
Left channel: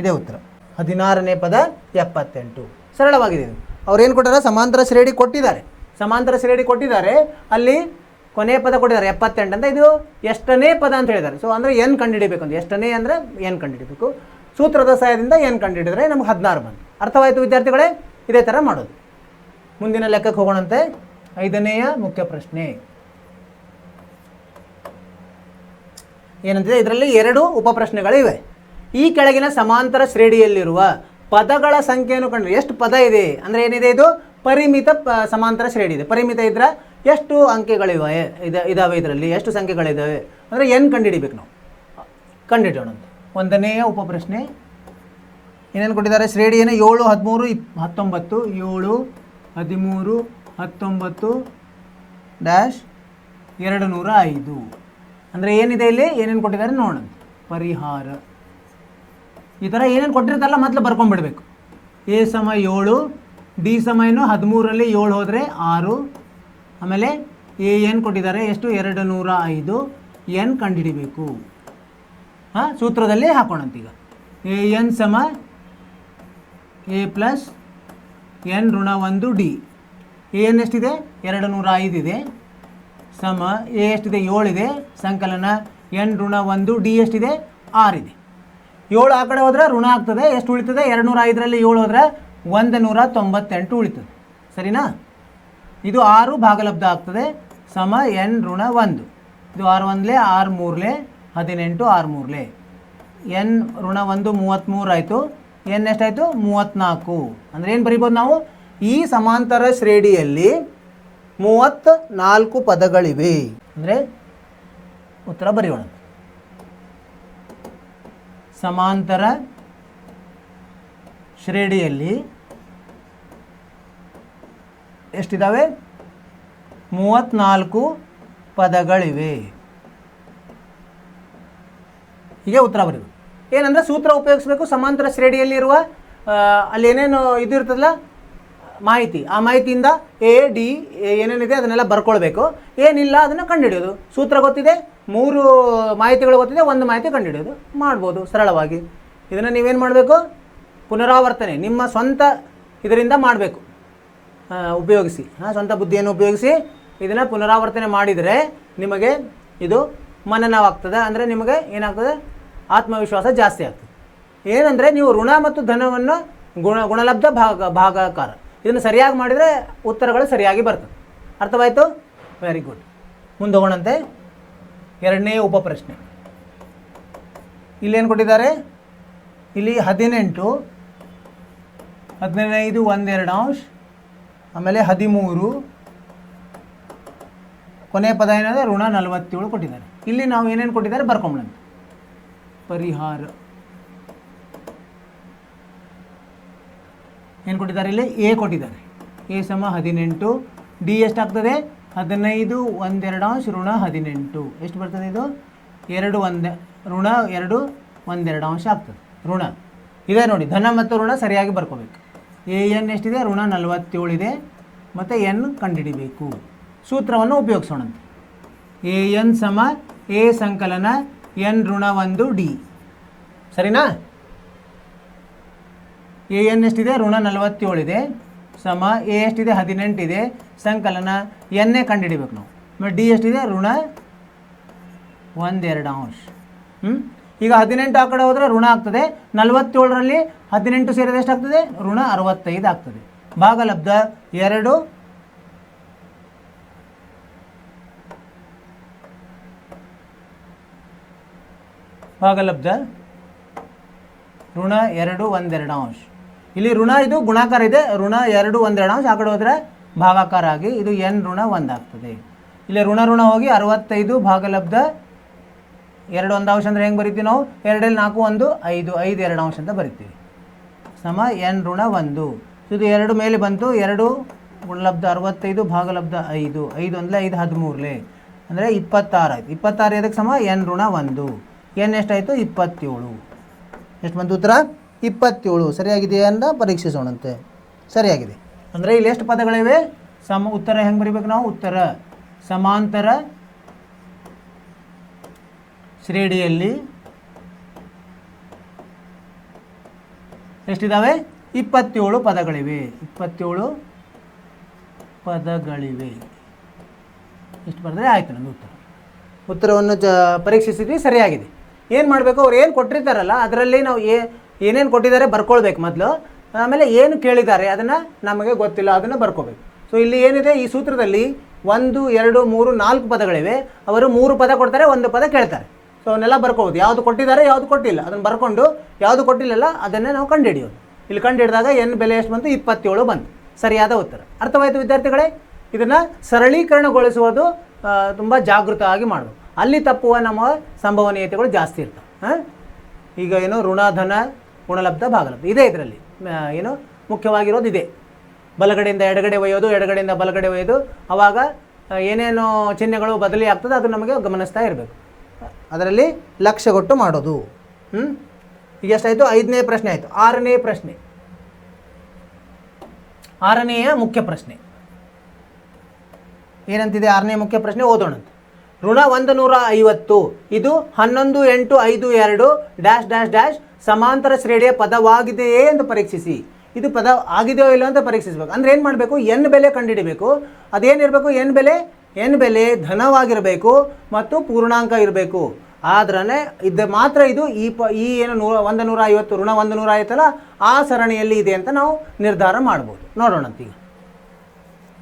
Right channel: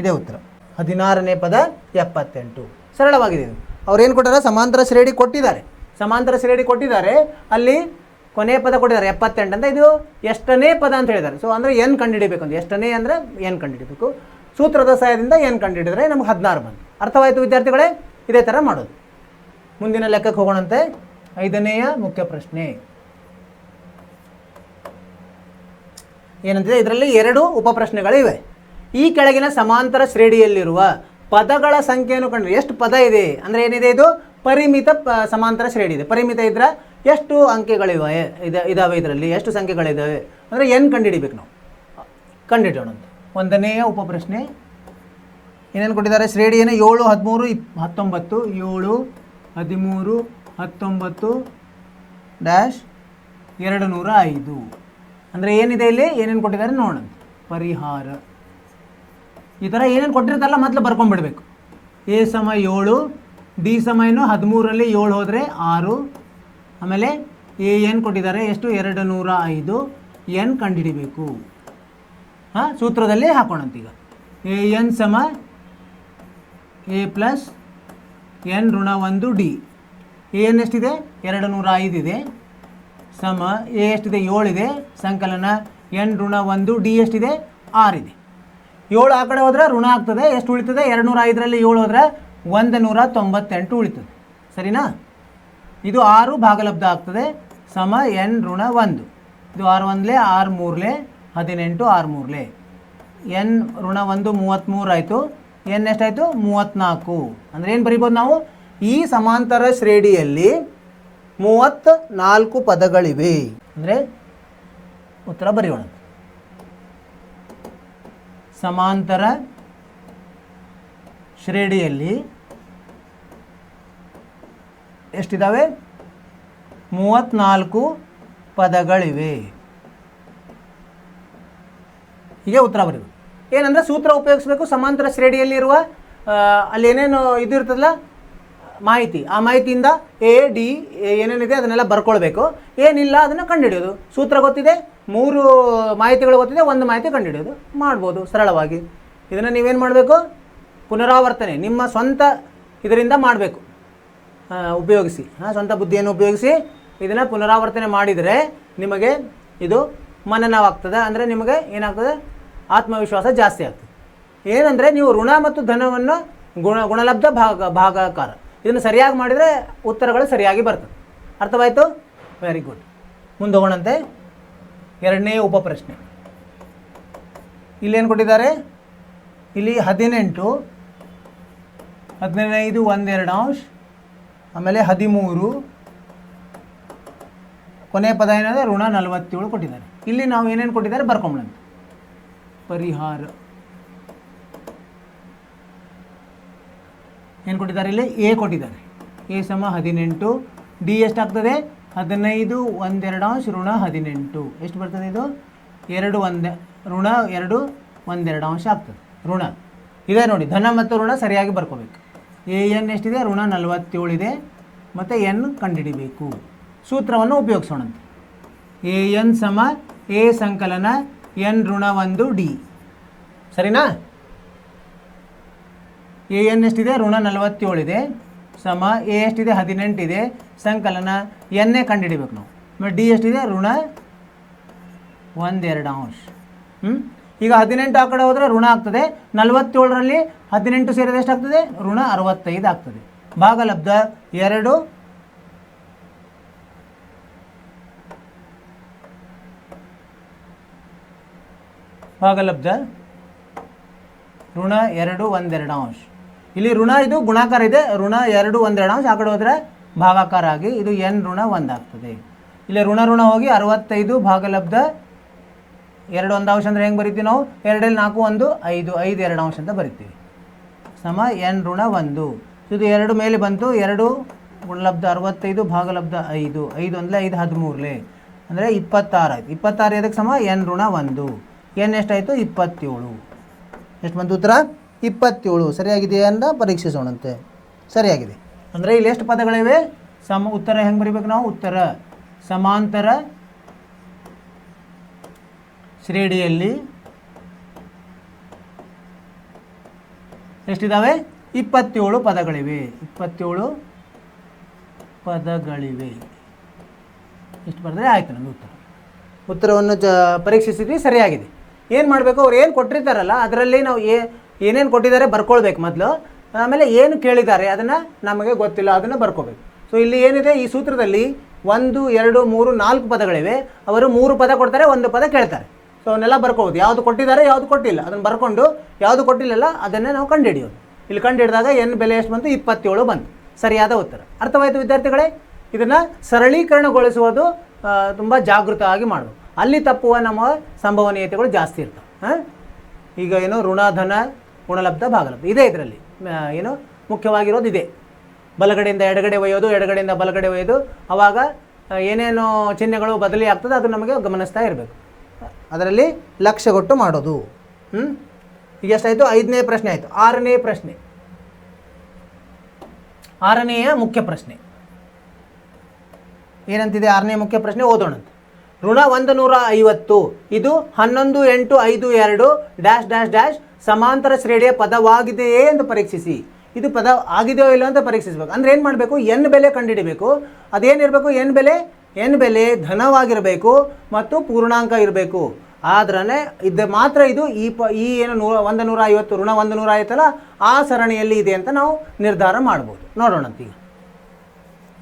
ಇದೇ ಉತ್ತರ. 16ನೇ ಪದ 78 ಸರಳವಾಗಿದೆ. ಅವ್ರು ಏನು ಕೊಟ್ಟಾರೆ? ಸಮಾಂತರ ಶ್ರೇಣಿ ಕೊಟ್ಟಿದ್ದಾರೆ. ಸಮಾಂತರ ಶ್ರೇಣಿ ಕೊಟ್ಟಿದ್ದಾರೆ, ಅಲ್ಲಿ ಕೊನೆಯ ಪದ ಕೊಟ್ಟಿದ್ದಾರೆ 78 ಅಂತ. ಇದು ಎಷ್ಟನೇ ಪದ ಅಂತ ಹೇಳಿದ್ದಾರೆ. ಸೊ ಅಂದರೆ ಏನು ಕಂಡುಹಿಡಿಬೇಕು ಅಂತ, ಎಷ್ಟನೇ ಅಂದರೆ ಏನು ಕಂಡುಹಿಡಿಬೇಕು. ಸೂತ್ರದ ಸಹಾಯದಿಂದ ಏನು ಕಂಡುಹಿಡಿದ್ರೆ ನಮ್ಗೆ 16 ಬಂತು. ಅರ್ಥವಾಯಿತು ವಿದ್ಯಾರ್ಥಿಗಳೇ? ಇದೇ ಥರ ಮಾಡೋದು. ಮುಂದಿನ ಲೆಕ್ಕಕ್ಕೆ ಹೋಗೋಣಂತೆ. 5ನೇಯ ಮುಖ್ಯ ಪ್ರಶ್ನೆ ಏನಂತಿದೆ? ಇದರಲ್ಲಿ 2 ಉಪಪ್ರಶ್ನೆಗಳಿವೆ. ಈ ಕೆಳಗಿನ ಸಮಾಂತರ ಶ್ರೇಣಿಯಲ್ಲಿರುವ ಪದಗಳ ಸಂಖ್ಯೆಯನ್ನು ಕಂಡು ಎಷ್ಟು ಪದ ಇದೆ ಅಂದರೆ ಏನಿದೆ? ಇದು ಪರಿಮಿತ ಸಮಾಂತರ ಶ್ರೇಣಿ ಇದೆ. ಪರಿಮಿತ ಇದ್ರೆ ಎಷ್ಟು ಅಂಕೆಗಳಿವೆ ಇದಾವೆ, ಇದರಲ್ಲಿ ಎಷ್ಟು ಸಂಖ್ಯೆಗಳಿದ್ದಾವೆ ಅಂದರೆ ಏನು ಕಂಡುಹಿಡಿಬೇಕು ನಾವು? ಕಂಡುಹಿಡೋಣ. 1ನೇಯ ಉಪಪ್ರಶ್ನೆ ಏನೇನು ಕೊಟ್ಟಿದ್ದಾರೆ? ಶ್ರೇಣಿಯನ್ನು 7, 13, 19 7, 13, 19 ಡ್ಯಾಶ್ 205 ಅಂದರೆ ಏನಿದೆ ಇಲ್ಲಿ? ಏನೇನು ಕೊಟ್ಟಿದ್ದಾರೆ ನೋಡೋಣ. ಪರಿಹಾರ ಈ ಥರ ಏನೇನು ಕೊಟ್ಟಿರ್ತಾರಲ್ಲ ಮೊದಲು ಬರ್ಕೊಂಡ್ಬಿಡ್ಬೇಕು. ಎ ಸಮ 7, ಡಿ ಸಮ ಏನು 13ರಲ್ಲಿ 7 ಹೋದರೆ 6. ಆಮೇಲೆ ಎ ಏನು ಕೊಟ್ಟಿದ್ದಾರೆ ಎಷ್ಟು? 205. ಎನ್ ಕಂಡುಹಿಡಿಬೇಕು. ಹಾಂ, ಸೂತ್ರದಲ್ಲಿ ಹಾಕೋಣಂತೀಗ. ಎ ಎನ್ ಸಮ ಎ ಪ್ಲಸ್ ಎನ್ ಋಣ 1 ಡಿ. ಎ ಎನ್ ಎಷ್ಟಿದೆ? 205 ಇದೆ ಸಮ ಎ ಎಷ್ಟಿದೆ? 7 ಇದೆ ಸಂಕಲನ ಎನ್ ಋಣ 1 ಡಿ ಎಷ್ಟಿದೆ? 6 ಇದೆ. 7 ಆ ಕಡೆ ಹೋದರೆ ಋಣ ಆಗ್ತದೆ. ಎಷ್ಟು ಉಳಿತದೆ? 205ರಲ್ಲಿ 7 ಹೋದರೆ 198 ಉಳಿತದೆ. ಸರಿನಾ? ಇದು 6 ಭಾಗಲಬ್ಧ ಆಗ್ತದೆ ಸಮ ಎನ್ ಋಣ 1. ಇದು 6 1 6 3 18 6 3 ಎನ್ ಋಣ 1 33 ಆಯಿತು. ಎನ್ ಎಷ್ಟಾಯಿತು? 34. ಅಂದರೆ ಏನು ಬರಿಬೋದು ನಾವು? ಈ ಸಮಾಂತರ ಶ್ರೇಣಿಯಲ್ಲಿ 34 ಪದಗಳಿವೆ ಅಂದರೆ ಉತ್ತರ ಬರೆಯೋಣ. ಸಮಾಂತರ ಶ್ರೇಣಿಯಲ್ಲಿ ಎಷ್ಟಿದ್ದಾವೆ? 34 ಪದಗಳಿವೆ. ಹೀಗೆ ಉತ್ತರ ಬರೆಯುವುದು. ಏನಂದರೆ ಸೂತ್ರ ಉಪಯೋಗಿಸಬೇಕು. ಸಮಾಂತರ ಶ್ರೇಣಿಯಲ್ಲಿ ಇರುವ ಅಲ್ಲಿ ಏನೇನು ಇದು ಇರ್ತದೆ ಮಾಹಿತಿ, ಆ ಮಾಹಿತಿಯಿಂದ ಎ ಡಿ ಏನೇನಿದೆ ಅದನ್ನೆಲ್ಲ ಬರ್ಕೊಳ್ಬೇಕು. ಏನಿಲ್ಲ ಅದನ್ನು ಕಂಡುಹಿಡಿಯೋದು. ಸೂತ್ರ ಗೊತ್ತಿದೆ, 3 ಮಾಹಿತಿಗಳು ಗೊತ್ತಿದೆ, 1 ಮಾಹಿತಿ ಕಂಡುಹಿಡಿಯೋದು ಮಾಡ್ಬೋದು ಸರಳವಾಗಿ. ಇದನ್ನು ನೀವೇನು ಮಾಡಬೇಕು? ಪುನರಾವರ್ತನೆ ನಿಮ್ಮ ಸ್ವಂತ ಇದರಿಂದ ಮಾಡಬೇಕು, ಉಪಯೋಗಿಸಿ. ಸ್ವಂತ ಬುದ್ಧಿಯನ್ನು ಉಪಯೋಗಿಸಿ ಇದನ್ನು ಪುನರಾವರ್ತನೆ ಮಾಡಿದರೆ ನಿಮಗೆ ಇದು ಮನನವಾಗ್ತದೆ. ಅಂದರೆ ನಿಮಗೆ ಏನಾಗ್ತದೆ? ಆತ್ಮವಿಶ್ವಾಸ ಜಾಸ್ತಿ ಆಗ್ತದೆ. ಏನಂದರೆ ನೀವು ಋಣ ಮತ್ತು ಧನವನ್ನು ಗುಣಲಬ್ಧ ಭಾಗಾಕಾರ ಇದನ್ನು ಸರಿಯಾಗಿ ಮಾಡಿದರೆ ಉತ್ತರಗಳು ಸರಿಯಾಗಿ ಬರ್ತವೆ. ಅರ್ಥವಾಯಿತು? Very good. ಮುಂದೆ ಹೋಗೋಣಂತೆ. 2ನೇ ಉಪಪ್ರಶ್ನೆ ಇಲ್ಲೇನು ಕೊಟ್ಟಿದ್ದಾರೆ? ಇಲ್ಲಿ 18, 15 1/2 ಅಂಶ, ಆಮೇಲೆ 13, ಕೊನೆಯ ಪದ ಏನಾದ್ರೆ ಋಣ 47 ಕೊಟ್ಟಿದ್ದಾರೆ. ಇಲ್ಲಿ ನಾವು ಏನೇನು ಕೊಟ್ಟಿದ್ದಾರೆ ಬರ್ಕೊಂಬಿಡೋಣ. ಪರಿಹಾರ ಏನು ಕೊಟ್ಟಿದ್ದಾರೆ? ಇಲ್ಲಿ ಎ ಕೊಟ್ಟಿದ್ದಾರೆ. ಎ ಸಮ 18, ಡಿ ಎಷ್ಟಾಗ್ತದೆ? 15 1/2 ಅಂಶ ಋಣ 18 ಎಷ್ಟು ಬರ್ತದೆ? ಇದು 2 1 ಋಣ 2 1/2 ಅಂಶ ಆಗ್ತದೆ. ಋಣ ಇದೆ ನೋಡಿ, ಧನ ಮತ್ತು ಋಣ ಸರಿಯಾಗಿ ಬರ್ಕೊಬೇಕು. ಎ ಎನ್ ಎಷ್ಟಿದೆ? ಋಣ 47 ಇದೆ ಮತ್ತು ಎನ್ ಕಂಡುಹಿಡಿಬೇಕು. ಸೂತ್ರವನ್ನು ಉಪಯೋಗಿಸೋಣ. ಎ ಎನ್ ಸಮ ಎ ಸಂಕಲನ ಎನ್ ಋಣ 1 ಡಿ. ಸರಿನಾ? ಎ ಎನ್ ಎಷ್ಟಿದೆ? ಋಣ 47 ಇದೆ ಸಮ ಎ ಎಷ್ಟಿದೆ? 18 ಇದೆ ಸಂಕಲನ ಎನ್ನೇ ಕಂಡುಹಿಡಿಬೇಕು ನಾವು. ಮತ್ತು ಡಿ ಎಷ್ಟಿದೆ? ಋಣ 1/2 ಅಂಶ. ಈಗ 18 ಆ ಕಡೆ ಹೋದರೆ ಋಣ ಆಗ್ತದೆ. 47ರಲ್ಲಿ 18 ಸೇರಿದ್ರೆ ಎಷ್ಟಾಗ್ತದೆ? ಋಣ 65 ಆಗ್ತದೆ. ಭಾಗಲಬ್ಧ 2 ಭಾಗಲಬ್ಧ ಋಣ 2 1/2. ಇಲ್ಲಿ ಋಣ ಇದು ಗುಣಾಕಾರ ಇದೆ, ಋಣ 2 1/2. ಆ ಕಡೆ ಹೋದರೆ ಭಾಗಾಕಾರ ಆಗಿ ಇದು n ಋಣ 1 ಆಗ್ತದೆ. ಇಲ್ಲಿ ಋಣ ಋಣ ಹೋಗಿ 65 ಭಾಗಲಬ್ಧ 2 1/2 ಅಂದರೆ ಹೆಂಗೆ ಬರಿತೀವಿ ನಾವು? 2 4 1 5 5 2 ಅಂತ ಬರಿತೀವಿ. ಸಮ n ಋಣ 1. ಇದು 2 ಮೇಲೆ ಬಂತು. 2 ಗುಣಲಬ್ಧ 65 ಭಾಗಲಬ್ಧ 5 5 ಅಂದರೆ 5 13 ಅಂದರೆ 26 ಆಯಿತು. 26 ಇದಕ್ಕೆ ಸಮ n ಋಣ 1. n ಎಷ್ಟಾಯಿತು? 27. ಎಷ್ಟು ಬಂತು ಉತ್ತರ? 27. ಸರಿಯಾಗಿದೆ ಅಂತ ಪರೀಕ್ಷಿಸೋಣಂತೆ. ಸರಿಯಾಗಿದೆ. ಅಂದರೆ ಇಲ್ಲಿ ಎಷ್ಟು ಪದಗಳಿವೆ? ಉತ್ತರ ಹೆಂಗೆ ಬರೀಬೇಕು ನಾವು? ಉತ್ತರ ಸಮಾಂತರ ಶ್ರೇಣಿಯಲ್ಲಿ ಎಷ್ಟಿದ್ದಾವೆ? 27 ಪದಗಳಿವೆ. 27 ಪದಗಳಿವೆ. ಎಷ್ಟು ಬರೆದ್ರೆ ಆಯಿತು ನಮ್ಮ ಉತ್ತರ. ಉತ್ತರವನ್ನು ಪರೀಕ್ಷಿಸಿದ್ವಿ, ಸರಿಯಾಗಿದೆ. ಏನು ಮಾಡಬೇಕು? ಅವ್ರು ಏನು ಕೊಟ್ಟಿರ್ತಾರಲ್ಲ ಅದರಲ್ಲಿ ನಾವು ಏನೇನು ಕೊಟ್ಟಿದ್ದಾರೆ ಬರ್ಕೊಳ್ಬೇಕು ಮೊದಲು. ಆಮೇಲೆ ಏನು ಕೇಳಿದ್ದಾರೆ ಅದನ್ನು ನಮಗೆ ಗೊತ್ತಿಲ್ಲ, ಅದನ್ನು ಬರ್ಕೋಬೇಕು. ಸೊ ಇಲ್ಲಿ ಏನಿದೆ ಈ ಸೂತ್ರದಲ್ಲಿ 1 2 3 4 ಪದಗಳಿವೆ. ಅವರು 3 ಪದ ಕೊಡ್ತಾರೆ, 1 ಪದ ಕೇಳ್ತಾರೆ. ಸೊ ಅವನ್ನೆಲ್ಲ ಬರ್ಕೋಬೋದು. ಯಾವುದು ಕೊಟ್ಟಿದ್ದಾರೆ ಯಾವುದು ಕೊಟ್ಟಿಲ್ಲ ಅದನ್ನು ಬರ್ಕೊಂಡು ಯಾವುದು ಕೊಟ್ಟಿಲ್ಲಲ್ಲ ಅದನ್ನೇ ನಾವು ಕಂಡುಹಿಡಿಯೋದು. ಇಲ್ಲಿ ಕಂಡುಹಿಡಿದಾಗ n ಬೆಲೆ ಎಷ್ಟು ಬಂತು? 27 ಬಂತು. ಸರಿಯಾದ ಉತ್ತರ. ಅರ್ಥವಾಯಿತು ವಿದ್ಯಾರ್ಥಿಗಳೇ? ಇದನ್ನು ಸರಳೀಕರಣಗೊಳಿಸುವುದು ತುಂಬ ಜಾಗೃತವಾಗಿ ಮಾಡಬೇಕು. ಅಲ್ಲಿ ತಪ್ಪುವ ನಮ್ಮ ಸಂಭವನೀಯತೆಗಳು ಜಾಸ್ತಿ ಇರ್ತವೆ. ಈಗ ಏನು ಋಣ ಧನ ಗುಣಲಬ್ಧ ಭಾಗಲಬ್ಧ ಇದೆ. ಇದರಲ್ಲಿ ಏನು ಮುಖ್ಯವಾಗಿರೋದು ಇದೆ. ಬಲಗಡೆಯಿಂದ ಎಡಗಡೆ ಒಯ್ಯೋದು, ಎಡಗಡೆಯಿಂದ ಬಲಗಡೆ ಒಯ್ಯೋದು. ಆವಾಗ ಏನೇನು ಚಿಹ್ನೆಗಳು ಬದಲಿ ಆಗ್ತದೆ ಅದು ನಮಗೆ ಗಮನಿಸ್ತಾ ಇರಬೇಕು. ಅದರಲ್ಲಿ ಲಕ್ಷ್ಯ ಕೊಟ್ಟು ಮಾಡೋದು. ಈಗ ಎಷ್ಟಾಯಿತು? 5ನೇ ಪ್ರಶ್ನೆ ಆಯಿತು. 6ನೇ ಪ್ರಶ್ನೆ, 6ನೇಯ ಮುಖ್ಯ ಪ್ರಶ್ನೆ ಏನಂತಿದೆ? 6ನೇ ಮುಖ್ಯ ಪ್ರಶ್ನೆ ಓದೋಣ. ಋಣ 150 ಇದು 11 8 5 2 ಡ್ಯಾಶ್ ಡ್ಯಾಶ್ ಡ್ಯಾಶ್ ಸಮಾಂತರ ಶ್ರೇಣಿಯ ಪದವಾಗಿದೆಯೇ ಎಂದು ಪರೀಕ್ಷಿಸಿ. ಇದು ಪದ ಆಗಿದೆಯೋ ಇಲ್ಲ ಅಂತ ಪರೀಕ್ಷಿಸಬೇಕು. ಅಂದ್ರೆ ಏನು ಮಾಡಬೇಕು? n ಬೆಲೆ ಕಂಡುಹಿಡಬೇಕು. ಅದೇನಿರಬೇಕು? n ಬೆಲೆ ಧನವಾಗಿರಬೇಕು ಮತ್ತು ಪೂರ್ಣಾಂಕ ಇರಬೇಕು. ಆದ್ರೆ ಇದು ಮಾತ್ರ ಇದು ಈ ಏನು 150 ಋಣ 150 ಅಲ್ಲ ಆ ಸರಣಿಯಲ್ಲಿ ಇದೆ ಅಂತ ನಾವು ನಿರ್ಧಾರ ಮಾಡ್ಬೋದು. ನೋಡೋಣ ಈಗ.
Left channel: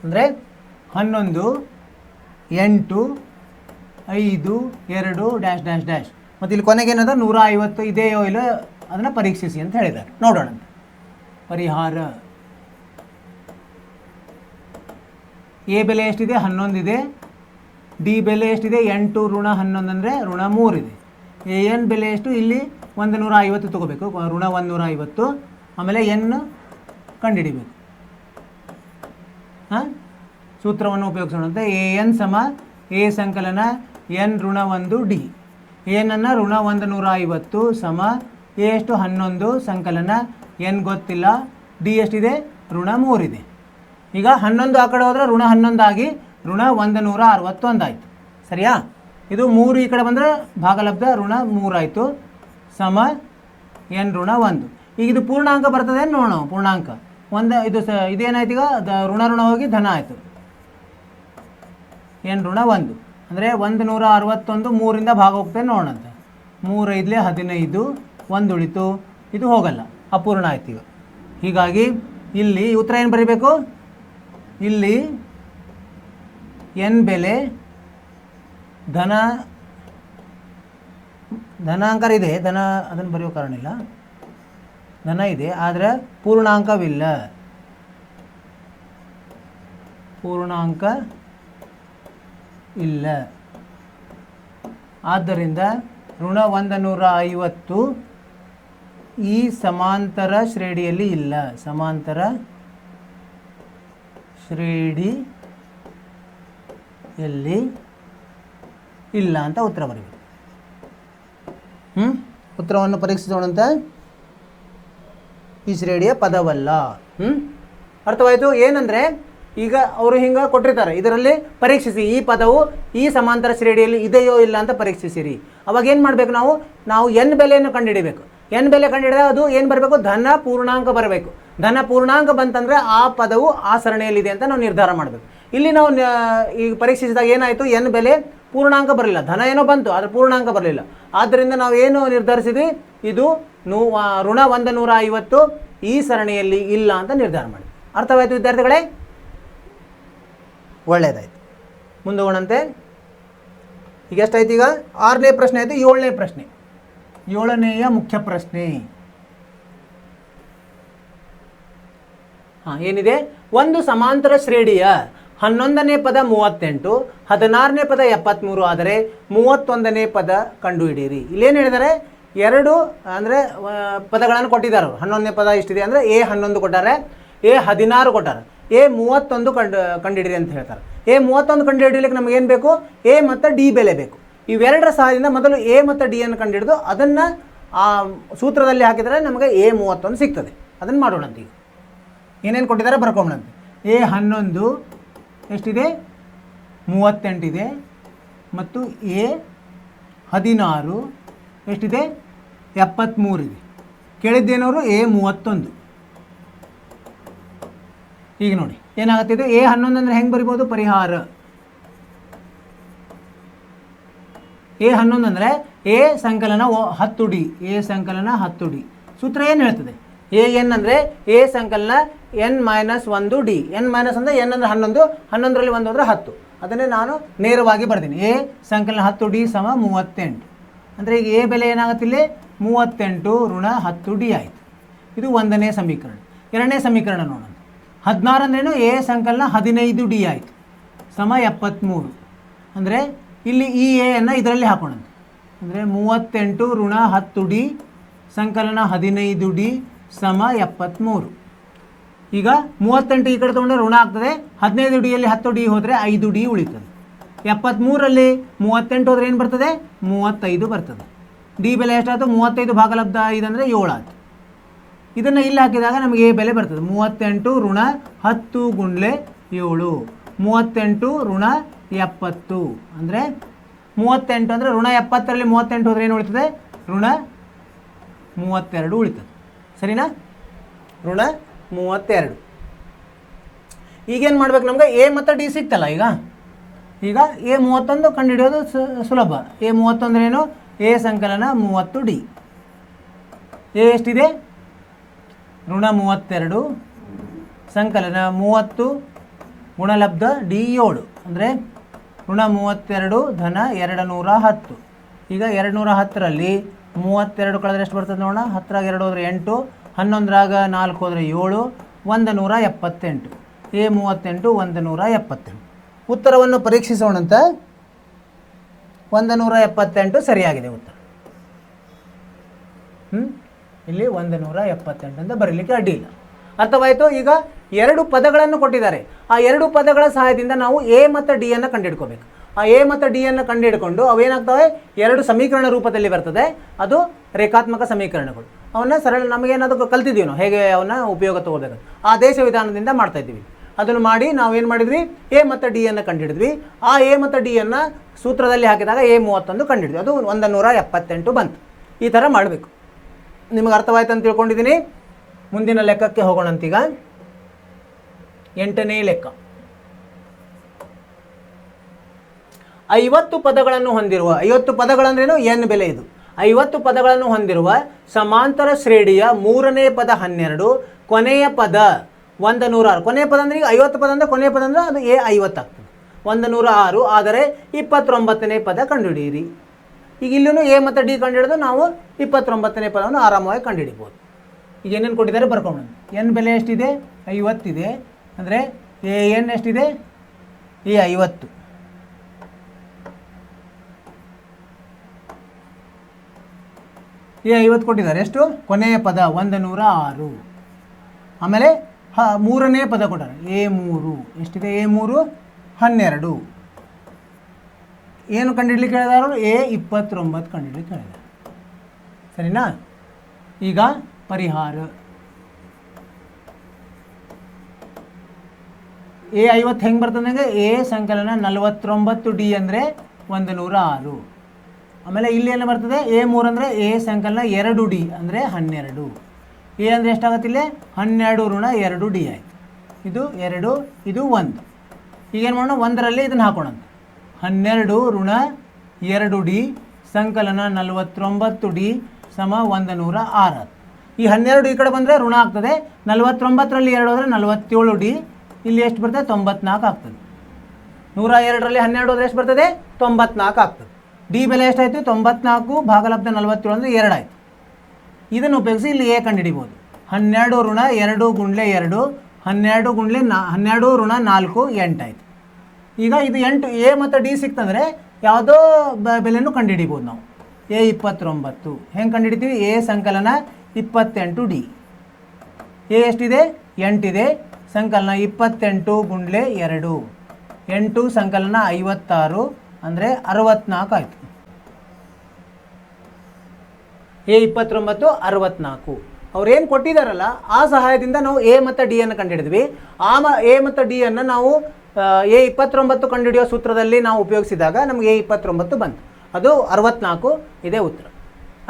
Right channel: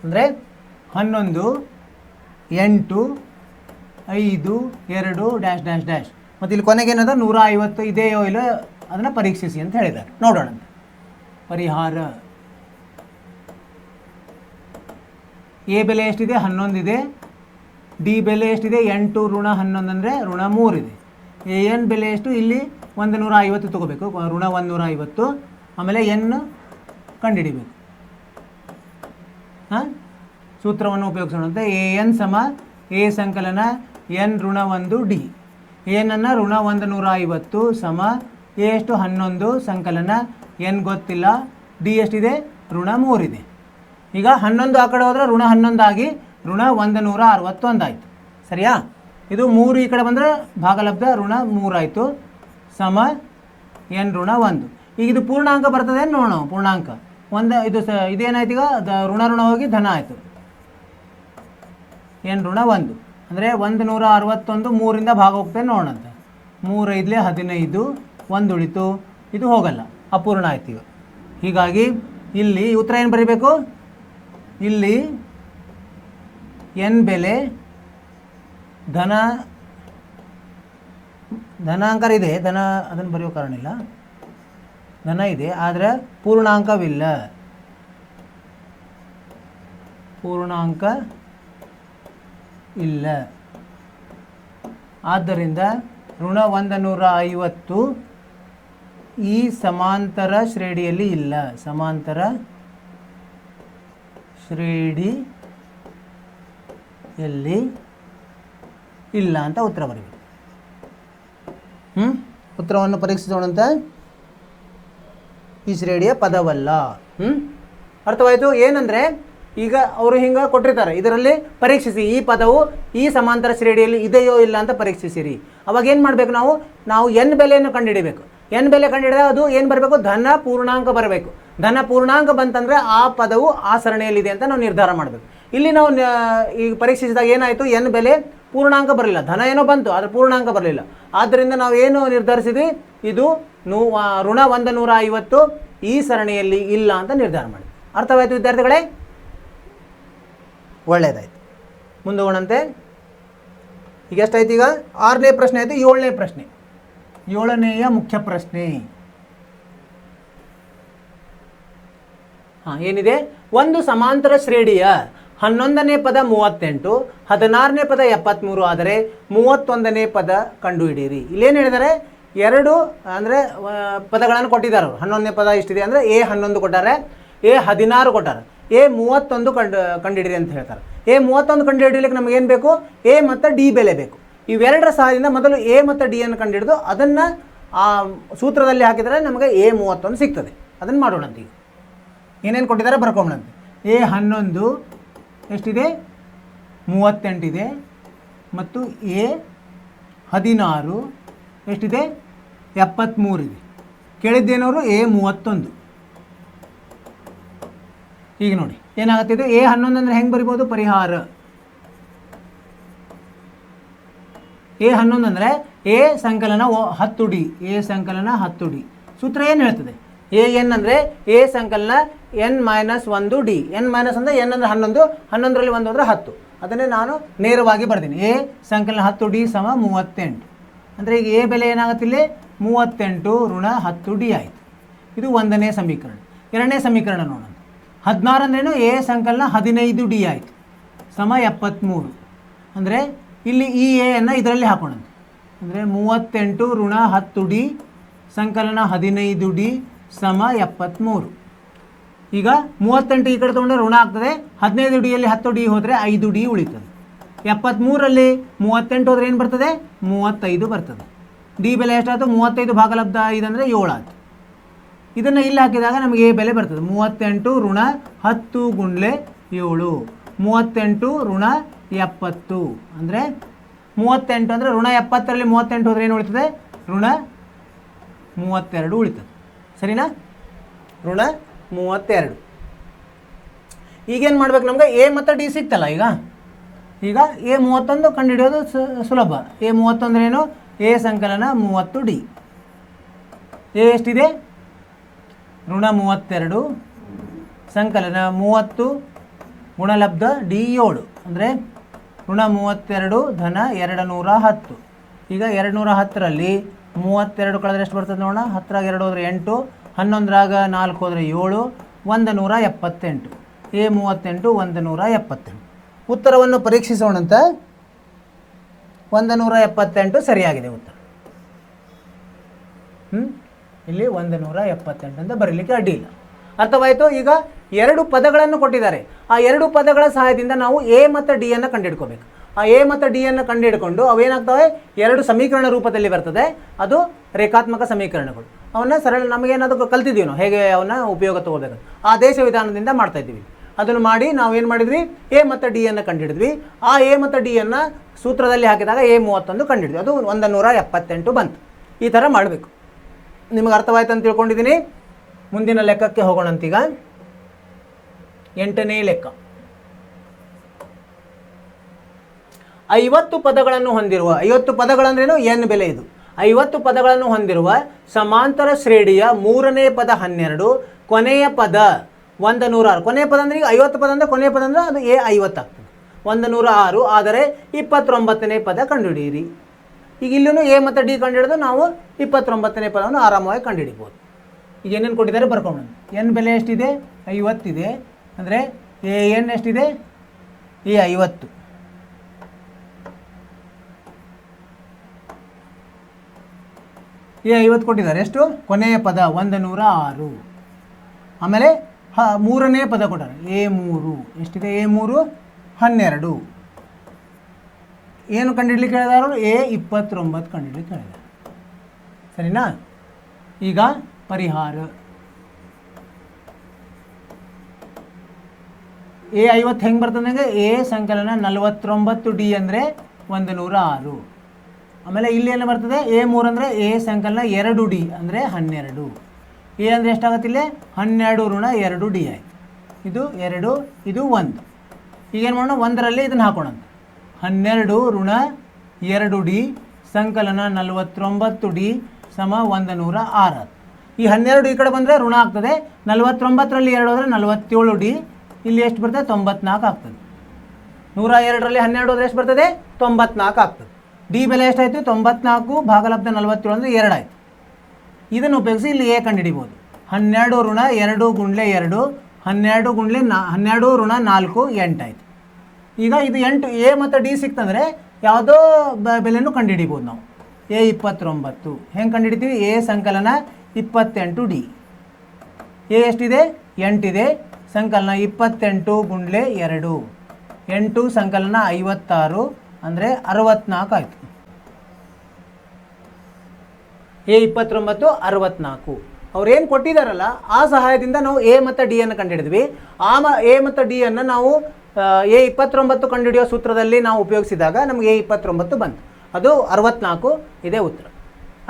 ಅಂದರೆ 11 8 5 2 ಡ್ಯಾಶ್ ಡ್ಯಾಶ್ ಡ್ಯಾಶ್ ಮತ್ತು ಇಲ್ಲಿ ಕೊನೆಗೇನದ 150 ಇದೆಯೋ ಇಲ್ಲ ಅದನ್ನು ಪರೀಕ್ಷಿಸಿ ಅಂತ ಹೇಳಿದ್ದಾರೆ. ನೋಡೋಣ ಪರಿಹಾರ. ಎ ಬೆಲೆ ಎಷ್ಟಿದೆ? 11 ಇದೆ. ಡಿ ಬೆಲೆ ಎಷ್ಟಿದೆ? 8 ಋಣ 11 ಅಂದರೆ ಋಣ 3 ಇದೆ. n ಬೆಲೆ ಎಷ್ಟು? ಇಲ್ಲಿ 150 ತಗೋಬೇಕು, ಋಣ 150. ಆಮೇಲೆ n ಕಂಡುಹಿಡಿಬೇಕು. ಸೂತ್ರವನ್ನು ಉಪಯೋಗಿಸೋಣಂತೆ. an ಸಮ ಎ ಸಂಕಲನ n ಋಣ 1 ಡಿ. ಏನನ್ನು ಋಣ 150 ಸಮ ಎ ಎಷ್ಟು? 11 ಸಂಕಲನ n ಗೊತ್ತಿಲ್ಲ, ಡಿ ಎಷ್ಟಿದೆ? ಋಣ 3 ಇದೆ. ಈಗ 11 ಆ ಕಡೆ ಹೋದರೆ ಋಣ 11 ಆಗಿ ಋಣ 161 ಆಯಿತು. ಸರಿಯಾ? ಇದು 3 ಈ ಕಡೆ ಬಂದರೆ ಭಾಗಲಬ್ಧ ಋಣ 3 ಆಯಿತು ಸಮ n ಋಣ 1. ಈಗ ಇದು ಪೂರ್ಣಾಂಕ ಬರ್ತದೆ ನೋಡೋಣ. ಪೂರ್ಣಾಂಕ ಇದೇನಾಯ್ತು? ಈಗ ಋಣ ಋಣ ಹೋಗಿ ಧನ ಆಯಿತು. n ಋಣ 1 ಅಂದರೆ 161 3ರಿಂದ ಭಾಗ ಹೋಗ್ತೇವೆ ನೋಡೋಣಂತೆ. 3 5 15 1 ಉಳಿತು, ಇದು ಹೋಗಲ್ಲ, ಅಪೂರ್ಣ ಆಯ್ತು. ಈಗ ಹೀಗಾಗಿ ಇಲ್ಲಿ ಉತ್ತರ ಏನು ಬರೀಬೇಕು? ಇಲ್ಲಿ n ಬೆಲೆ ಧನಾಂಕ ಇದೆ, ಅದನ್ನು ಬರೆಯೋ ಕಾರಣ ಇಲ್ಲ. ಧನ ಇದೆ ಆದರೆ ಪೂರ್ಣಾಂಕ ಇಲ್ಲ. ಆದ್ದರಿಂದ ಋಣ 150 ಈ ಸಮಾಂತರ ಶ್ರೇಣಿಯಲ್ಲಿ ಇಲ್ಲ. ಸಮಾಂತರ ಶ್ರೇಣಿಯಲ್ಲಿ ಇಲ್ಲ ಅಂತ ಉತ್ತರ ಬರೀಬೇಕು. ಉತ್ತರವನ್ನು ಪರೀಕ್ಷಿಸೋಣಂತೆ. ಈ ಶ್ರೇಣಿಯ ಪದವಲ್ಲ. ಅರ್ಥವಾಯಿತು? ಏನಂದರೆ ಈಗ ಅವರು ಹಿಂಗೆ ಕೊಟ್ಟಿರ್ತಾರೆ, ಇದರಲ್ಲಿ ಪರೀಕ್ಷಿಸಿ ಈ ಪದವು ಈ ಸಮಾಂತರ ಶ್ರೇಣಿಯಲ್ಲಿ ಇದೆಯೋ ಇಲ್ಲ ಅಂತ ಪರೀಕ್ಷಿಸಿರಿ. ಅವಾಗ ಏನು ಮಾಡಬೇಕು? ನಾವು n ಬೆಲೆಯನ್ನು ಕಂಡುಹಿಡಿಬೇಕು. ಎನ್ ಬೆಲೆ ಕಂಡುಹಿಡಿದ ಅದು ಏನು ಬರಬೇಕು, ಧನ ಪೂರ್ಣಾಂಕ ಬರಬೇಕು. ಧನ ಪೂರ್ಣಾಂಕ ಬಂತಂದರೆ ಆ ಪದವು ಆ ಸರಣಿಯಲ್ಲಿದೆ ಅಂತ ನಾವು ನಿರ್ಧಾರ ಮಾಡಬೇಕು. ಇಲ್ಲಿ ನಾವು ಈಗ ಪರೀಕ್ಷಿಸಿದಾಗ ಏನಾಯಿತು, ಎನ್ ಬೆಲೆ ಪೂರ್ಣಾಂಕ ಬರಲಿಲ್ಲ, ಧನ ಏನೋ ಬಂತು ಆದರೆ ಪೂರ್ಣಾಂಕ ಬರಲಿಲ್ಲ. ಆದ್ದರಿಂದ ನಾವು ಏನು ನಿರ್ಧರಿಸಿದ್ವಿ, ಇದು ಋಣ 150 ಈ ಸರಣಿಯಲ್ಲಿ ಇಲ್ಲ ಅಂತ ನಿರ್ಧಾರ ಮಾಡಿ. ಅರ್ಥವಾಯಿತು ವಿದ್ಯಾರ್ಥಿಗಳೇ? ಒಳ್ಳೆಯದಾಯಿತು. ಮುಂದೋಗೋಣಂತೆ. ಈಗ ಎಷ್ಟಾಯ್ತು? ಈಗ 6ನೇ ಪ್ರಶ್ನೆ ಆಯಿತು. 7ನೇ ಪ್ರಶ್ನೆ, 7ನೇಯ ಮುಖ್ಯ ಪ್ರಶ್ನೆ ಏನಿದೆ, ಒಂದು ಸಮಾಂತರ ಶ್ರೇಣಿಯ 11ನೇ ಪದ 38, 16ನೇ ಪದ 73 ಆದರೆ 31ನೇ ಪದ ಕಂಡುಹಿಡಿಯಿರಿ. ಇಲ್ಲೇನು ಹೇಳಿದ್ದಾರೆ, ಎರಡು ಅಂದರೆ ಪದಗಳನ್ನು ಕೊಟ್ಟಿದ್ದಾರೆ. 11ನೇ ಪದ ಇಷ್ಟಿದೆ ಅಂದರೆ ಎ 11 ಕೊಟ್ಟಾರೆ, ಎ 16 ಕೊಟ್ಟಾರೆ, ಎ 31 ಕಂಡುಹಿಡಿರಿ ಅಂತ ಹೇಳ್ತಾರೆ. ಎ 31 ಕಂಡುಹಿಡಿಯಲಿಕ್ಕೆ ನಮಗೆ ಏನು ಬೇಕು, ಎ ಮತ್ತು ಡಿ ಬೆಲೆ ಬೇಕು. ಇವೆರಡರ ಸಹಾಯದಿಂದ ಮೊದಲು ಎ ಮತ್ತು ಡಿ ಅನ್ನು ಕಂಡುಹಿಡಿದು ಅದನ್ನು ಆ ಸೂತ್ರದಲ್ಲಿ ಹಾಕಿದರೆ ನಮಗೆ ಎ 31 ಸಿಗ್ತದೆ. ಅದನ್ನು ಮಾಡೋಣಂತೀವಿ. ಏನೇನು ಕೊಟ್ಟಿದ್ದಾರೆ ಬರ್ಕೊಂಡಂತೆ. ಎ 11 ಎಷ್ಟಿದೆ, 38 ಇದೆ, ಮತ್ತು ಎ 16 ಎಷ್ಟಿದೆ, 73 ಇದೆ. ಕೇಳಿದ್ದೇನವರು ಎ 31. ಈಗ ನೋಡಿ ಏನಾಗುತ್ತಿದೆ, ಎ 11 ಅಂದರೆ ಹೆಂಗೆ ಬರಿಬೋದು, ಪರಿಹಾರ. ಎ 11 ಅಂದರೆ ಎ ಸಂಕಲನ 10 ಡಿ, ಎ ಸಂಕಲನ 10 ಡಿ. ಸೂತ್ರ ಏನು ಹೇಳ್ತದೆ, ಎ ಎನ್ ಅಂದರೆ ಎ ಸಂಕಲನ n-1 ಡಿ. n- ಅಂದರೆ n ಅಂದರೆ 11, 11ರಲ್ಲಿ 1 ಅಂದರೆ 10. ಅದನ್ನೇ ನಾನು ನೇರವಾಗಿ ಬರ್ತೀನಿ. ಎ ಸಂಕಲನ 10 ಡಿ ಸಮ 38. ಅಂದರೆ ಈಗ ಎ ಬೆಲೆ ಏನಾಗುತ್ತಿಲ್ಲ, 38 ಋಣ 10 ಡಿ ಆಯಿತು. ಇದು 1ನೇ ಸಮೀಕರಣ. 2ನೇ ಸಮೀಕರಣ ನೋಡೋಣ. 16 ಅಂದ್ರೇನು, ಎ ಸಂಕಲನ 15 ಡಿ ಆಯಿತು ಸಮ 73. ಅಂದರೆ ಇಲ್ಲಿ ಈ ಎ ಅನ್ನು ಇದರಲ್ಲಿ ಹಾಕೋಣ. ಅಂದರೆ 38 ಋಣ 10 ಡಿ ಸಂಕಲನ 15 ಡಿ ಸಮ 73. ಈಗ 38 ಈ ಕಡೆ ತೊಗೊಂಡ್ರೆ ಋಣ ಆಗ್ತದೆ, 15 ಡಿಯಲ್ಲಿ 10 ಡಿ ಹೋದರೆ 5 ಡಿ ಉಳಿತದೆ. 73ರಲ್ಲಿ 38 ಹೋದರೆ ಏನು ಬರ್ತದೆ, 35 ಬರ್ತದೆ. ಡಿ ಬೆಲೆ ಎಷ್ಟಾಯ್ತು, 35 ಭಾಗಲಬ್ಧ 5 ಅಂದರೆ 7 ಆಯಿತು. ಇದನ್ನು ಇಲ್ಲಿ ಹಾಕಿದಾಗ ನಮಗೆ ಎ ಬೆಲೆ ಬರ್ತದೆ 38 ಋಣ 10 ಗುಂಡ್ಲೆ 7, 38 ಋಣ 70. ಅಂದರೆ 38 ಅಂದರೆ ಋಣ 70ರಲ್ಲಿ 38 ಹೋದರೆ ಏನು ಉಳಿತದೆ, ಋಣ 32 ಉಳಿತದೆ. ಸರಿನಾ, ಋಣ 32. ಈಗೇನು ಮಾಡ್ಬೇಕು, ನಮಗೆ ಎ ಮತ್ತು ಡಿ ಸಿಕ್ತಲ್ಲ. ಈಗ ಎ 31 ಕಂಡುಹಿಡಿಯೋದು ಸುಲಭ. ಎ 31 ಅಂದ್ರೆ ಏನು, ಎ ಸಂಕಲನ 30 ಡಿ. ಎ ಎಷ್ಟಿದೆ, ಋಣ 32 ಸಂಕಲನ 30 ಗುಣಲಬ್ಧ ಡಿ 7 ಅಂದರೆ ಋಣ 32 ಧನ 210. ಈಗ 210ರಲ್ಲಿ 32 ಕಳೆದ್ರೆ ಎಷ್ಟು ಬರ್ತದೆ ನೋಡೋಣ. 10ರಾಗ 2 ಹೋದರೆ 8, 11ರಾಗ 4 ಹೋದರೆ 7, 178. ಎ 38 178. ಉತ್ತರವನ್ನು ಪರೀಕ್ಷಿಸೋಣಂತ. 178 ಸರಿಯಾಗಿದೆ ಉತ್ತರ. ಇಲ್ಲಿ 178 ಅಂತ ಬರೀಲಿಕ್ಕೆ ಅಡ್ಡಿಲ್ಲ. ಅರ್ಥವಾಯಿತು. ಈಗ 2 ಪದಗಳನ್ನು ಕೊಟ್ಟಿದ್ದಾರೆ. ಆ 2 ಪದಗಳ ಸಹಾಯದಿಂದ ನಾವು ಎ ಮತ್ತು ಡಿ ಅನ್ನು ಕಂಡುಹಿಡ್ಕೋಬೇಕು. ಆ ಎ ಮತ್ತು ಡಿ ಅನ್ನು ಕಂಡುಹಿಡ್ಕೊಂಡು ಅವೇನಾಗ್ತವೆ, 2 ಸಮೀಕರಣ ರೂಪದಲ್ಲಿ ಬರ್ತದೆ. ಅದು ರೇಖಾತ್ಮಕ ಸಮೀಕರಣಗಳು. ಅವನ್ನ ಸರಳ ನಮಗೇನಾದರೂ ಕಲ್ತಿದ್ದೀವಿ ನಾವು ಹೇಗೆ ಅವನ್ನ ಉಪಯೋಗ ತಗೋಬೇಕು. ಆದೇಶ ವಿಧಾನದಿಂದ ಮಾಡ್ತಾ ಇದ್ದೀವಿ. ಅದನ್ನು ಮಾಡಿ ನಾವೇನು ಮಾಡಿದ್ವಿ, ಎ ಮತ್ತು ಡಿ ಅನ್ನು ಕಂಡುಹಿಡಿದ್ವಿ. ಆ ಎ ಮತ್ತು ಡಿ ಅನ್ನು ಸೂತ್ರದಲ್ಲಿ ಹಾಕಿದಾಗ ಎ 31 ಕಂಡುಹಿಡಿದ್ವಿ. ಅದು 178 ಬಂತು. ಈ ಥರ ಮಾಡಬೇಕು. ನಿಮಗೆ ಅರ್ಥವಾಯ್ತು ಅಂತ ತಿಳ್ಕೊಂಡಿದ್ದೀನಿ. ಮುಂದಿನ ಲೆಕ್ಕಕ್ಕೆ ಹೋಗೋಣಂತೀಗ. 8ನೇ ಲೆಕ್ಕ. 50 ಪದಗಳನ್ನು ಹೊಂದಿರುವ, 50 ಪದಗಳಂದ್ರೇನು, ಎನ್ ಬೆಲೆ ಇದು. 50 ಪದಗಳನ್ನು ಹೊಂದಿರುವ ಸಮಾಂತರ ಶ್ರೇಣಿಯ 3ನೇ ಪದ 12, ಕೊನೆಯ ಪದ 106. ಕೊನೆಯ ಪದ ಅಂದರೆ ಈಗ 50 ಪದ ಅಂದರೆ ಕೊನೆಯ ಪದ ಅಂದರೆ ಅದು ಎ 50 ಆಗ್ತದೆ. 106 ಆದರೆ 29ನೇ ಪದ ಕಂಡುಹಿಡಿಯಿರಿ. ಈಗ ಇಲ್ಲೂ ಎ ಮತ್ತು ಡಿ ಕಂಡುಹಿಡಿದು ನಾವು 29ನೇ ಪದವನ್ನು ಆರಾಮವಾಗಿ ಕಂಡುಹಿಡಿಬೋದು. ಈಗ ಏನೇನು ಕೊಟ್ಟಿದ್ದಾರೆ ಬರ್ಕೊಂಡು. ಎನ್ ಬೆಲೆ ಎಷ್ಟಿದೆ, 50 ಇದೆ. ಅಂದರೆ ಎ ಎನ್ ಎಷ್ಟಿದೆ, ಎ 50. ಎ 50 ಕೊಟ್ಟಿದ್ದಾರೆ. ಎಷ್ಟು, ಕೊನೆಯ ಪದ 106. ಆಮೇಲೆ 3ನೇ ಪದ ಕೊಟ್ಟಾರೆ ಎ 3. ಎಷ್ಟಿದೆ, ಎ 3 12. ಏನು ಕಂಡುಹಿಡ್ಲಿಕ್ಕೆ ಹೇಳಿದಾರು, ಎ 29 ಕಂಡುಹಿಡ್ಲಿಕ್ಕೆ. ಸರಿನಾ. ಈಗ ಪರಿಹಾರ. ಎ 50 ಹೆಂಗೆ ಬರ್ತದೆ, ಎ ಸಂಕಲನ 49 ಡಿ ಅಂದರೆ 106. ಆಮೇಲೆ ಇಲ್ಲಿ ಏನು ಬರ್ತದೆ A3 ಅಂದರೆ A ಸಂಕಲನ 2D ಅಂದರೆ 12. ಎ ಅಂದರೆ ಎಷ್ಟಾಗತ್ತೆ ಇಲ್ಲಿ 12 ಋಣ 2D ಆಯಿತು. ಇದು 2 ಇದು 1. ಈಗೇನು ಮಾಡೋಣ, 1ರಲ್ಲಿ ಇದನ್ನು ಹಾಕೋಣ. 12 ಋಣ 2D ಸಂಕಲನ 49D ಸಮ 106. ಈ 12 ಈ ಕಡೆ ಬಂದರೆ ಋಣ ಆಗ್ತದೆ. 49ರಲ್ಲಿ 2 ಹೋದರೆ 47D. ಇಲ್ಲಿ ಎಷ್ಟು ಬರ್ತದೆ 94 ಆಗ್ತದೆ. 102ರಲ್ಲಿ 12 ಹೋದರೆ ಎಷ್ಟು ಬರ್ತದೆ 94 ಆಗ್ತದೆ. ಡಿ ಬೆಲೆ ಎಷ್ಟಾಯಿತು 94 ಭಾಗಲಬ್ಧ 47 ಅಂದರೆ 2 ಆಯಿತು. ಇದನ್ನು ಉಪಯೋಗಿಸಿ ಇಲ್ಲಿ ಎ ಕಂಡುಹಿಡಿಬೋದು. 12 ಋಣ 2 ಗುಂಡ್ಲೆ 2 12 ಗುಂಡ್ಲೆ 12 ಋಣ 4 8 ಆಯಿತು. ಈಗ ಇದು 8 ಎ ಮತ್ತು ಡಿ ಸಿಕ್ತಂದರೆ ಯಾವುದೋ ಬೆಲೆಯನ್ನು ಕಂಡುಹಿಡಿಬೋದು ನಾವು. ಎ 29 ಹೆಂಗೆ ಕಂಡುಹಿಡಿತೀವಿ, ಎ ಸಂಕಲನ 28D. ಎ ಎಷ್ಟಿದೆ 8 ಇದೆ, ಸಂಕಲನ 28 ಗುಂಡ್ಲೆ 2 8 ಸಂಕಲನ 56 ಅಂದರೆ 64 ಆಯಿತು. ಎ 29 64. ಅವ್ರೇನು ಕೊಟ್ಟಿದ್ದಾರಲ್ಲ ಆ ಸಹಾಯದಿಂದ ನಾವು ಎ ಮತ್ತು ಡಿ ಅನ್ನು ಕಂಡುಹಿಡಿದ್ವಿ. ಎ ಮತ್ತು ಡಿ ಅನ್ನು ನಾವು ಎ 29 ಕಂಡುಹಿಡಿಯೋ ಸೂತ್ರದಲ್ಲಿ ನಾವು ಉಪಯೋಗಿಸಿದಾಗ ನಮಗೆ ಎ 29 ಬಂತು. ಅದು 64 ಇದೇ ಉತ್ತರ.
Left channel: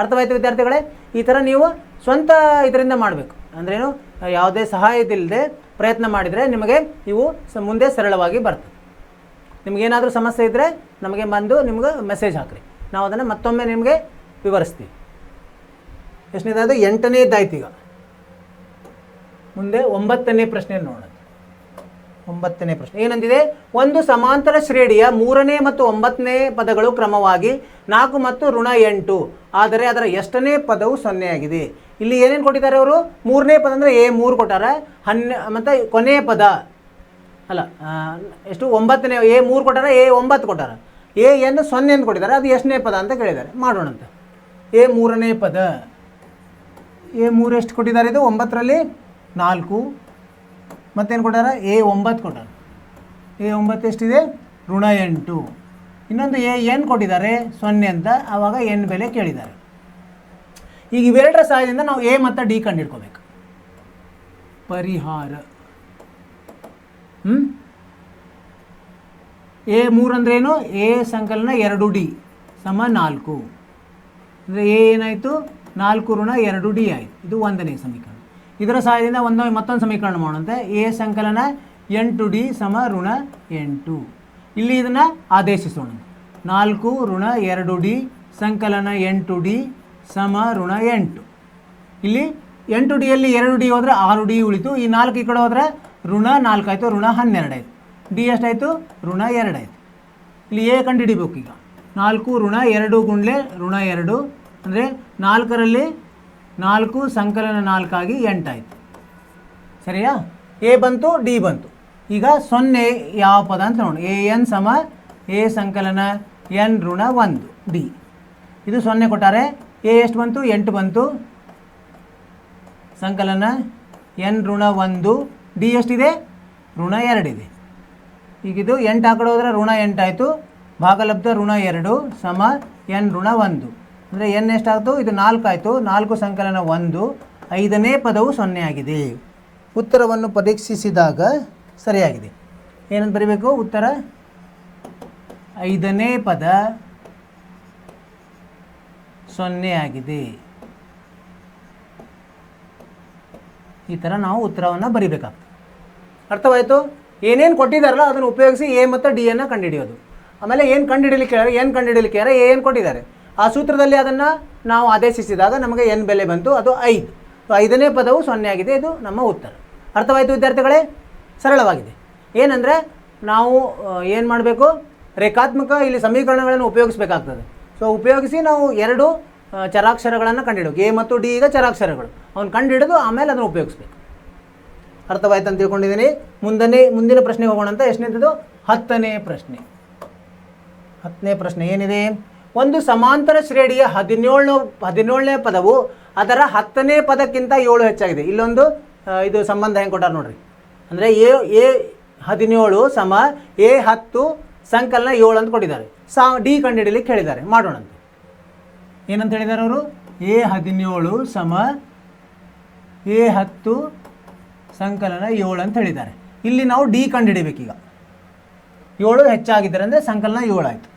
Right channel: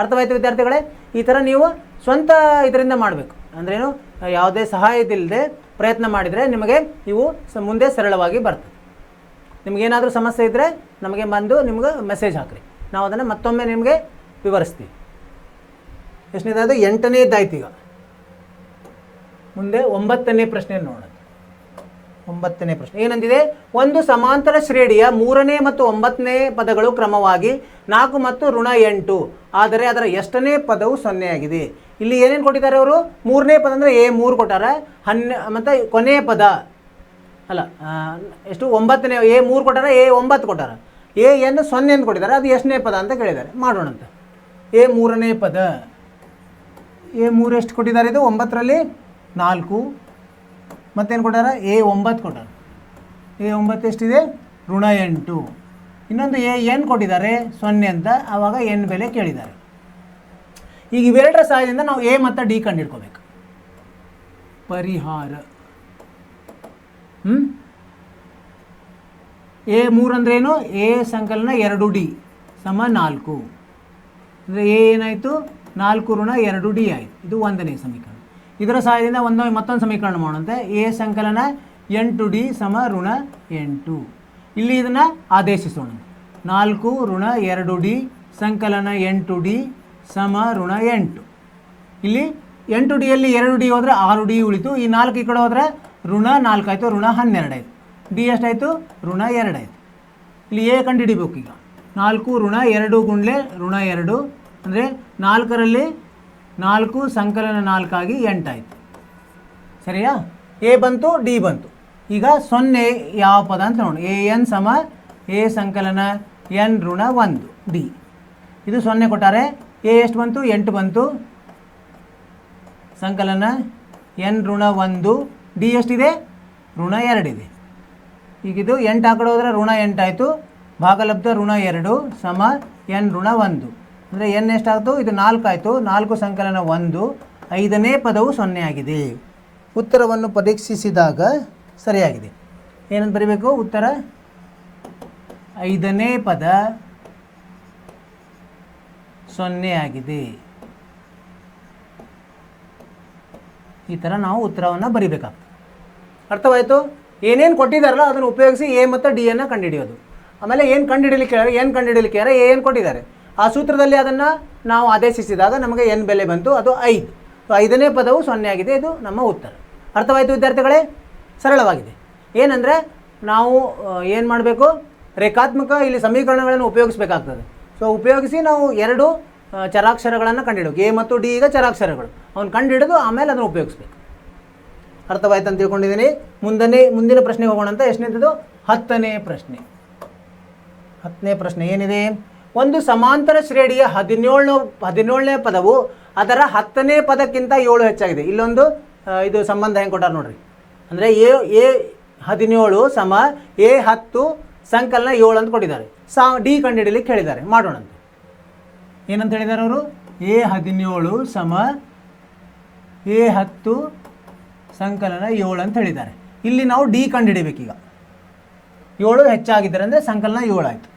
ಅರ್ಥವಾಯ್ತು ವಿದ್ಯಾರ್ಥಿಗಳೇ? ಈ ಥರ ನೀವು ಸ್ವಂತ ಇದರಿಂದ ಮಾಡಬೇಕು. ಅಂದರೆ ನೀವು ಯಾವುದೇ ಸಹಾಯದಿಲ್ಲದೆ ಪ್ರಯತ್ನ ಮಾಡಿದರೆ ನಿಮಗೆ ಇವು ಮುಂದೆ ಸರಳವಾಗಿ ಬರ್ತವೆ. ನಿಮಗೇನಾದರೂ ಸಮಸ್ಯೆ ಇದ್ದರೆ ನಮಗೆ ಬಂದು ನಿಮ್ಗೆ ಮೆಸೇಜ್ ಹಾಕಿರಿ, ನಾವು ಅದನ್ನು ಮತ್ತೊಮ್ಮೆ ನಿಮಗೆ ವಿವರಿಸ್ತೀವಿ. ಎಷ್ಟನೇದಾದ 8ನೇದಾಯ್ತು. ಈಗ ಮುಂದೆ 9ನೇ ಪ್ರಶ್ನೆ ನೋಡೋಣ. 9ನೇ ಪ್ರಶ್ನೆ ಏನಂದಿದೆ, ಒಂದು ಸಮಾಂತರ ಶ್ರೇಣಿಯ 3ನೇ ಮತ್ತು 9ನೇ ಪದಗಳು ಕ್ರಮವಾಗಿ 4 ಮತ್ತು ಋಣ 8, ಆದರೆ ಅದರ ಎಷ್ಟನೇ ಪದವು 0 ಆಗಿದೆ. ಇಲ್ಲಿ ಏನೇನು ಕೊಟ್ಟಿದ್ದಾರೆ ಅವರು, 3ನೇ ಪದ ಅಂದರೆ A3 ಕೊಟ್ಟಾರ, ಮತ್ತು ಕೊನೆಯ ಪದ ಅಲ್ಲ ಎಷ್ಟು 9ನೇ A3 ಕೊಟ್ಟಾರ, A9 ಕೊಟ್ಟಾರ, ಏನು 0 ಅಂತ ಕೊಟ್ಟಿದ್ದಾರೆ. ಅದು ಎಷ್ಟನೇ ಪದ ಅಂತ ಕೇಳಿದ್ದಾರೆ. ಮಾಡೋಣಂತೆ. A3ನೇ ಪದ, A3 ಎಷ್ಟು ಕೊಟ್ಟಿದ್ದಾರೆ, ಇದು 9ರಲ್ಲಿ 4. ಮತ್ತೇನು ಕೊಟ್ಟಾರ, A9 ಕೊಟ್ಟಾರೆ. A9 ಎಷ್ಟಿದೆ ಋಣ 8. ಇನ್ನೊಂದು ಏನು ಕೊಟ್ಟಿದ್ದಾರೆ 0 ಅಂತ, ಆವಾಗ n ಬೆಲೆ ಕೇಳಿದ್ದಾರೆ. ಈಗ ಇವೆರಡರ ಸಹಾಯದಿಂದ ನಾವು ಎ ಮತ್ತು ಡಿ ಕಂಡುಹಿಡ್ಕೋಬೇಕು. ಪರಿಹಾರ A3 ಅಂದ್ರೇನು, ಎ ಸಂಕಲನ 2D ಸಮ 4 ಅಂದರೆ ಎ ಏನಾಯಿತು 4 ಋಣ 2D ಆಯಿತು. ಇದು 1ನೇ ಸಮೀಕರಣ. ಇದರ ಸಹಾಯದಿಂದ ಮತ್ತೊಂದು ಸಮೀಕರಣ ಮಾಡುವಂತೆ, ಎ ಸಂಕಲನ 8D ಸಮ ಋಣ 8. ಇಲ್ಲಿ ಇದನ್ನು ಆದೇಶಿಸೋಣ. 4 ಋಣ 2D ಸಂಕಲನ 8D ಸಮ ಋಣ 8. ಇಲ್ಲಿ 8Dಯಲ್ಲಿ 2D ಹೋದರೆ 6D ಉಳಿತು. ಈ 4 ಈ ಕಡೆ ಹೋದರೆ ಋಣ 4 ಆಯಿತು, ಋಣ 12 ಆಯಿತು. ಡಿ ಎಷ್ಟಾಯಿತು ಋಣ 2 ಆಯಿತು. ಇಲ್ಲಿ ಎ ಕಂಡುಹಿಡಿಬೇಕು. ಈಗ 4 ಋಣ 2 ಗುಂಡ್ಲೆ ಋಣ 2 ಅಂದರೆ 4ರಲ್ಲಿ 4 ಸಂಕಲನ 4 ಆಗಿ 8 ಆಯಿತು. ಸರಿಯಾ? ಎ ಬಂತು, ಡಿ ಬಂತು. ಈಗ 0 ಯಾವ ಪದ ಅಂತ ನೋಡಿ. ಎನ್ ಸಮ ಎ ಸಂಕಲನ n ಋಣ 1 ಡಿ. ಇದು 0 ಕೊಟ್ಟಾರೆ. ಎ ಎಷ್ಟು ಬಂತು 8 ಬಂತು, ಸಂಕಲನ n ಋಣ 1, ಡಿ ಎಷ್ಟಿದೆ ಋಣ 2 ಇದೆ. ಈಗ ಇದು 8 ಆ ಕಡೆ ಹೋದರೆ ಋಣ 8 ಆಯಿತು, ಭಾಗಲಬ್ಧ ಋಣ 2 ಸಮ n ಋಣ 1 ಅಂದರೆ n ಎಷ್ಟಾಯಿತು, ಇದು 4 ಆಯಿತು. 4 ಸಂಕಲನ 1, 5ನೇ ಪದವು 0 ಆಗಿದೆ. ಉತ್ತರವನ್ನು ಪರೀಕ್ಷಿಸಿದಾಗ ಸರಿಯಾಗಿದೆ. ಏನಂತ ಬರೀಬೇಕು ಉತ್ತರ, 5ನೇ ಪದ 0 ಆಗಿದೆ. ಈ ಥರ ನಾವು ಉತ್ತರವನ್ನು ಬರಿಬೇಕಾಗ್ತದೆ. ಅರ್ಥವಾಯಿತು? ಏನೇನು ಕೊಟ್ಟಿದ್ದಾರಲ್ಲ ಅದನ್ನು ಉಪಯೋಗಿಸಿ ಎ ಮತ್ತು ಡಿ ಅನ್ನು ಕಂಡುಹಿಡಿಯೋದು. ಆಮೇಲೆ ಏನು ಕಂಡುಹಿಡಲಿಕ್ಕೆ ಏನು ಕೊಟ್ಟಿದ್ದಾರೆ ಆ ಸೂತ್ರದಲ್ಲಿ ಅದನ್ನು ನಾವು ಆದೇಶಿಸಿದಾಗ ನಮಗೆ n ಬೆಲೆ ಬಂತು, ಅದು 5. 5ನೇ ಪದವು 0 ಆಗಿದೆ. ಇದು ನಮ್ಮ ಉತ್ತರ. ಅರ್ಥವಾಯಿತು ವಿದ್ಯಾರ್ಥಿಗಳೇ? ಸರಳವಾಗಿದೆ. ಏನಂದರೆ ನಾವು ಏನು ಮಾಡಬೇಕು, ರೇಖಾತ್ಮಕ ಇಲ್ಲಿ ಸಮೀಕರಣಗಳನ್ನು ಉಪಯೋಗಿಸಬೇಕಾಗ್ತದೆ. ಸೊ ಉಪಯೋಗಿಸಿ ನಾವು 2 ಚರಾಕ್ಷರಗಳನ್ನು ಕಂಡುಹಿಡಬೇಕು. ಎ ಮತ್ತು ಡಿ ಈಗ ಚರಾಕ್ಷರಗಳು, ಅವನು ಕಂಡುಹಿಡಿದು ಆಮೇಲೆ ಅದನ್ನು ಉಪಯೋಗಿಸ್ಬೇಕು. ಅರ್ಥವಾಯ್ತು ಅಂತ ತಿಳ್ಕೊಂಡಿದ್ದೀನಿ. ಮುಂದಿನ ಪ್ರಶ್ನೆಗೆ ಹೋಗೋಣ ಅಂತ. ಎಷ್ಟನೇದು 10ನೇ ಪ್ರಶ್ನೆ. 10ನೇ ಪ್ರಶ್ನೆ ಏನಿದೆ, ಒಂದು ಸಮಾಂತರ ಶ್ರೇಣಿಯ 17ನೇ ಪದವು ಅದರ 10ನೇ ಪದಕ್ಕಿಂತ 7 ಹೆಚ್ಚಾಗಿದೆ. ಇಲ್ಲೊಂದು ಇದು ಸಂಬಂಧ ಹೆಂಗೆ ಕೊಟ್ಟಾರೆ ನೋಡ್ರಿ. ಅಂದರೆ ಎ 17 ಸಮ ಎ 10 ಸಂಕಲನ 7 ಅಂತ ಕೊಟ್ಟಿದ್ದಾರೆ. ಡಿ ಕಂಡುಹಿಡಲಿಕ್ಕೆ ಹೇಳಿದ್ದಾರೆ. ಮಾಡೋಣಂತೆ. ಏನಂತ ಹೇಳಿದ್ದಾರೆ ಅವರು, ಎ 17 ಸಮ ಎ 10 ಸಂಕಲನ 7 ಅಂತ ಹೇಳಿದ್ದಾರೆ. ಇಲ್ಲಿ ನಾವು ಡಿ ಕಂಡುಹಿಡಿಬೇಕು. ಈಗ 7 ಹೆಚ್ಚಾಗಿದ್ದಾರೆ ಅಂದರೆ ಸಂಕಲನ 7 ಆಯಿತು.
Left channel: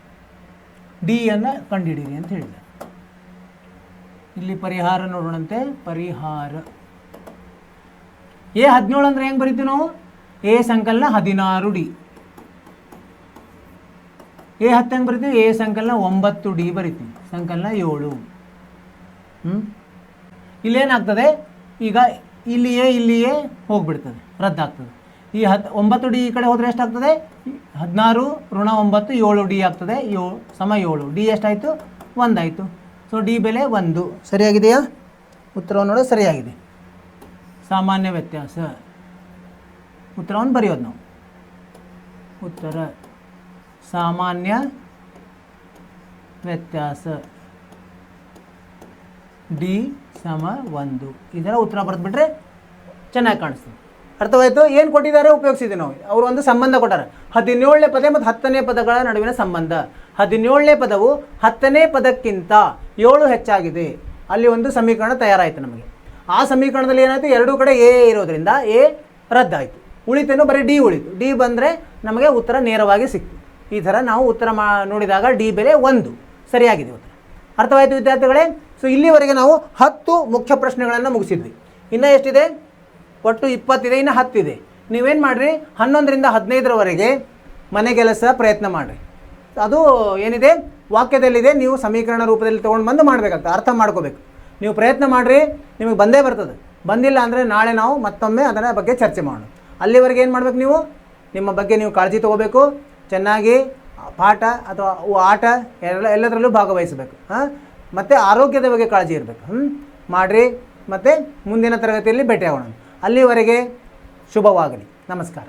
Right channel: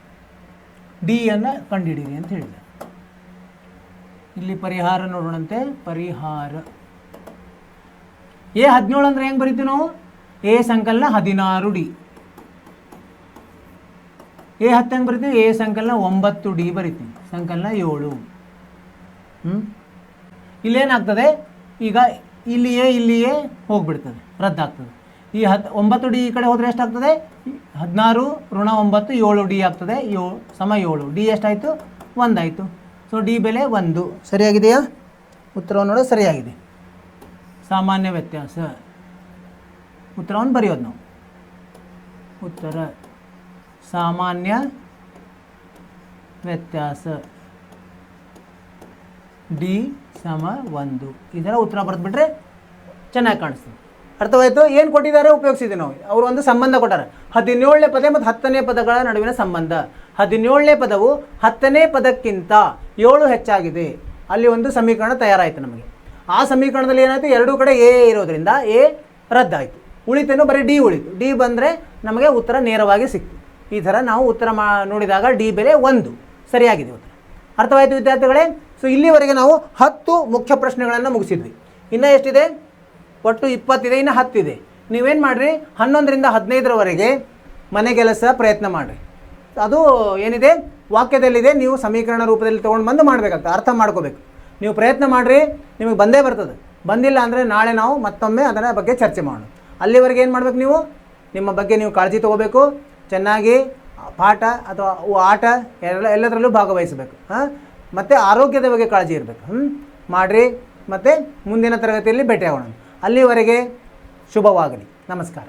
ಡಿ ಅನ್ನು ಕಂಡುಹಿಡಿಯಿರಿ ಅಂತ ಹೇಳಿ. ಇಲ್ಲಿ ಪರಿಹಾರ ನೋಡೋಣಂತೆ. ಪರಿಹಾರ ಎ 17 ಅಂದ್ರೆ ಹೆಂಗೆ ಬರೀತೀವಿ ನಾವು? ಎ ಸಂಕಲನ 16 ಡಿ. ಎ 10 ಹೆಂಗೆ ಬರಿತೀವಿ? ಎ ಸಂಕಲನ 9 ಡಿ ಬರಿತೀವಿ. ಸಂಕಲನ 7. ಇಲ್ಲೇನಾಗ್ತದೆ ಈಗ? ಇಲ್ಲಿಯೇ ಹೋಗ್ಬಿಡ್ತದೆ, ರದ್ದಾಗ್ತದೆ. ಈ 9 ಡಿ ಈ ಕಡೆ ಹೋದರೆ ಎಷ್ಟಾಗ್ತದೆ? 16 ಋಣ 9 7 ಡಿ ಆಗ್ತದೆ. 7 ಡಿ ಎಷ್ಟಾಯಿತು? 1 ಆಯಿತು. ಸೊ ಡಿ ಬೆಲೆ 1. ಸರಿಯಾಗಿದೆಯಾ? ಉತ್ತರವನ್ನು ನೋಡ, ಸರಿಯಾಗಿದೆ. ಸಾಮಾನ್ಯ ವ್ಯತ್ಯಾಸ ಉತ್ತರವನ್ನು ಬರೆಯೋದು ನಾವು. ಉತ್ತರ ಸಾಮಾನ್ಯ ವ್ಯತ್ಯಾಸ ಡಿ ಸಮ 1. ಇದರ ಉತ್ತರ ಬರೆದ್ಬಿಟ್ರೆ ಚೆನ್ನಾಗಿ ಕಾಣಿಸ್ತದೆ. ಅರ್ಥವಾಯಿತು? ಏನು ಕೊಟ್ಟಿದ್ದಾರೆ ಉಪಯೋಗಿಸಿದೆ ನಾವು. ಅವರು ಒಂದು ಸಂಬಂಧ ಕೊಟ್ಟಾರೆ. 17ನೇ ಪದ ಮತ್ತು 10ನೇ ಪದಗಳ ನಡುವಿನ ಸಂಬಂಧ. 17ನೇ ಪದವು 10ನೇ ಪದಕ್ಕಿಂತ 7 ಹೆಚ್ಚಾಗಿದೆ. ಅಲ್ಲಿ ಒಂದು ಸಮೀಕರಣ ತಯಾರಾಯಿತು ನಮಗೆ. ಆ ಸಮೀಕರಣದಲ್ಲಿ ಏನಾಯಿತು? ಎರಡೂ ಕಡೆ ಎ ಇರೋದ್ರಿಂದ ಎ ರದ್ದಾಯಿತು. ಉಳಿತೇನೋ ಬರೀ ಡಿ ಉಳಿತು. ಡಿ ಬಂದರೆ ನಮಗೆ ಉತ್ತರ ನೇರವಾಗಿ ಸಿಕ್ತು. ಈ ಥರ ನಾವು ಉತ್ತರ ನೋಡಿದಾಗ ಡಿ ಬೆಲೆ 1 ಸರಿಯಾಗಿದೆ. ಅರ್ಥವಾಯಿತು ವಿದ್ಯಾರ್ಥಿಗಳೇ? ಸೊ ಇಲ್ಲಿವರೆಗೆ ನಾವು 10 ಮುಖ್ಯ ಪ್ರಶ್ನೆಗಳನ್ನು ಮುಗಿಸಿದ್ವಿ. ಇನ್ನೂ ಎಷ್ಟಿದೆ? ಒಟ್ಟು 20 ಇದೆ, ಇನ್ನು 10 ಇದೆ. ನೀವೇನು ಮಾಡಿರಿ, 11ರಿಂದ 15ರವರೆಗೆ ಮನೆಗೆಲಸ ಪ್ರಯತ್ನ ಮಾಡಿರಿ. ಅದು ಏನಿದೆ ವಾಕ್ಯದಲ್ಲಿದೆ, ನೀವು ಸಮೀಕರಣ ರೂಪದಲ್ಲಿ ತೊಗೊಂಡು ಬಂದು ಮಾಡಬೇಕಂತ ಅರ್ಥ ಮಾಡ್ಕೋಬೇಕು. ನೀವು ಪ್ರಯತ್ನ ಮಾಡಿರಿ, ನಿಮಗೆ ಬಂದೇ ಬರ್ತದೆ. ಬಂದಿಲ್ಲ ಅಂದರೆ ನಾಳೆ ನಾವು ಮತ್ತೊಮ್ಮೆ ಅದರ ಬಗ್ಗೆ ಚರ್ಚೆ ಮಾಡೋಣ. ಅಲ್ಲಿವರೆಗೆ ಏನು ಮಾಡ್ಬೇಕು? ನೀವು ನಿಮ್ಮ ಬಗ್ಗೆ ನೀವು ಕಾಳಜಿ ತೊಗೋಬೇಕು. ಚೆನ್ನಾಗಿ ಪಾಠ ಅಥವಾ ಆಟ ಎಲ್ಲದರಲ್ಲೂ ಭಾಗವಹಿಸಬೇಕು. ಮತ್ತು ಆರೋಗ್ಯದ ಬಗ್ಗೆ ಕಾಳಜಿ ಇರಬೇಕು. ಮಾಡಿರಿ. ಮತ್ತು ಮುಂದಿನ ತರಗತಿಯಲ್ಲಿ ಭೇಟಿ ಮಾಡೋಣ. ಅಲ್ಲಿವರೆಗೆ ಶುಭವಾಗಲಿ. ನಮಸ್ಕಾರ.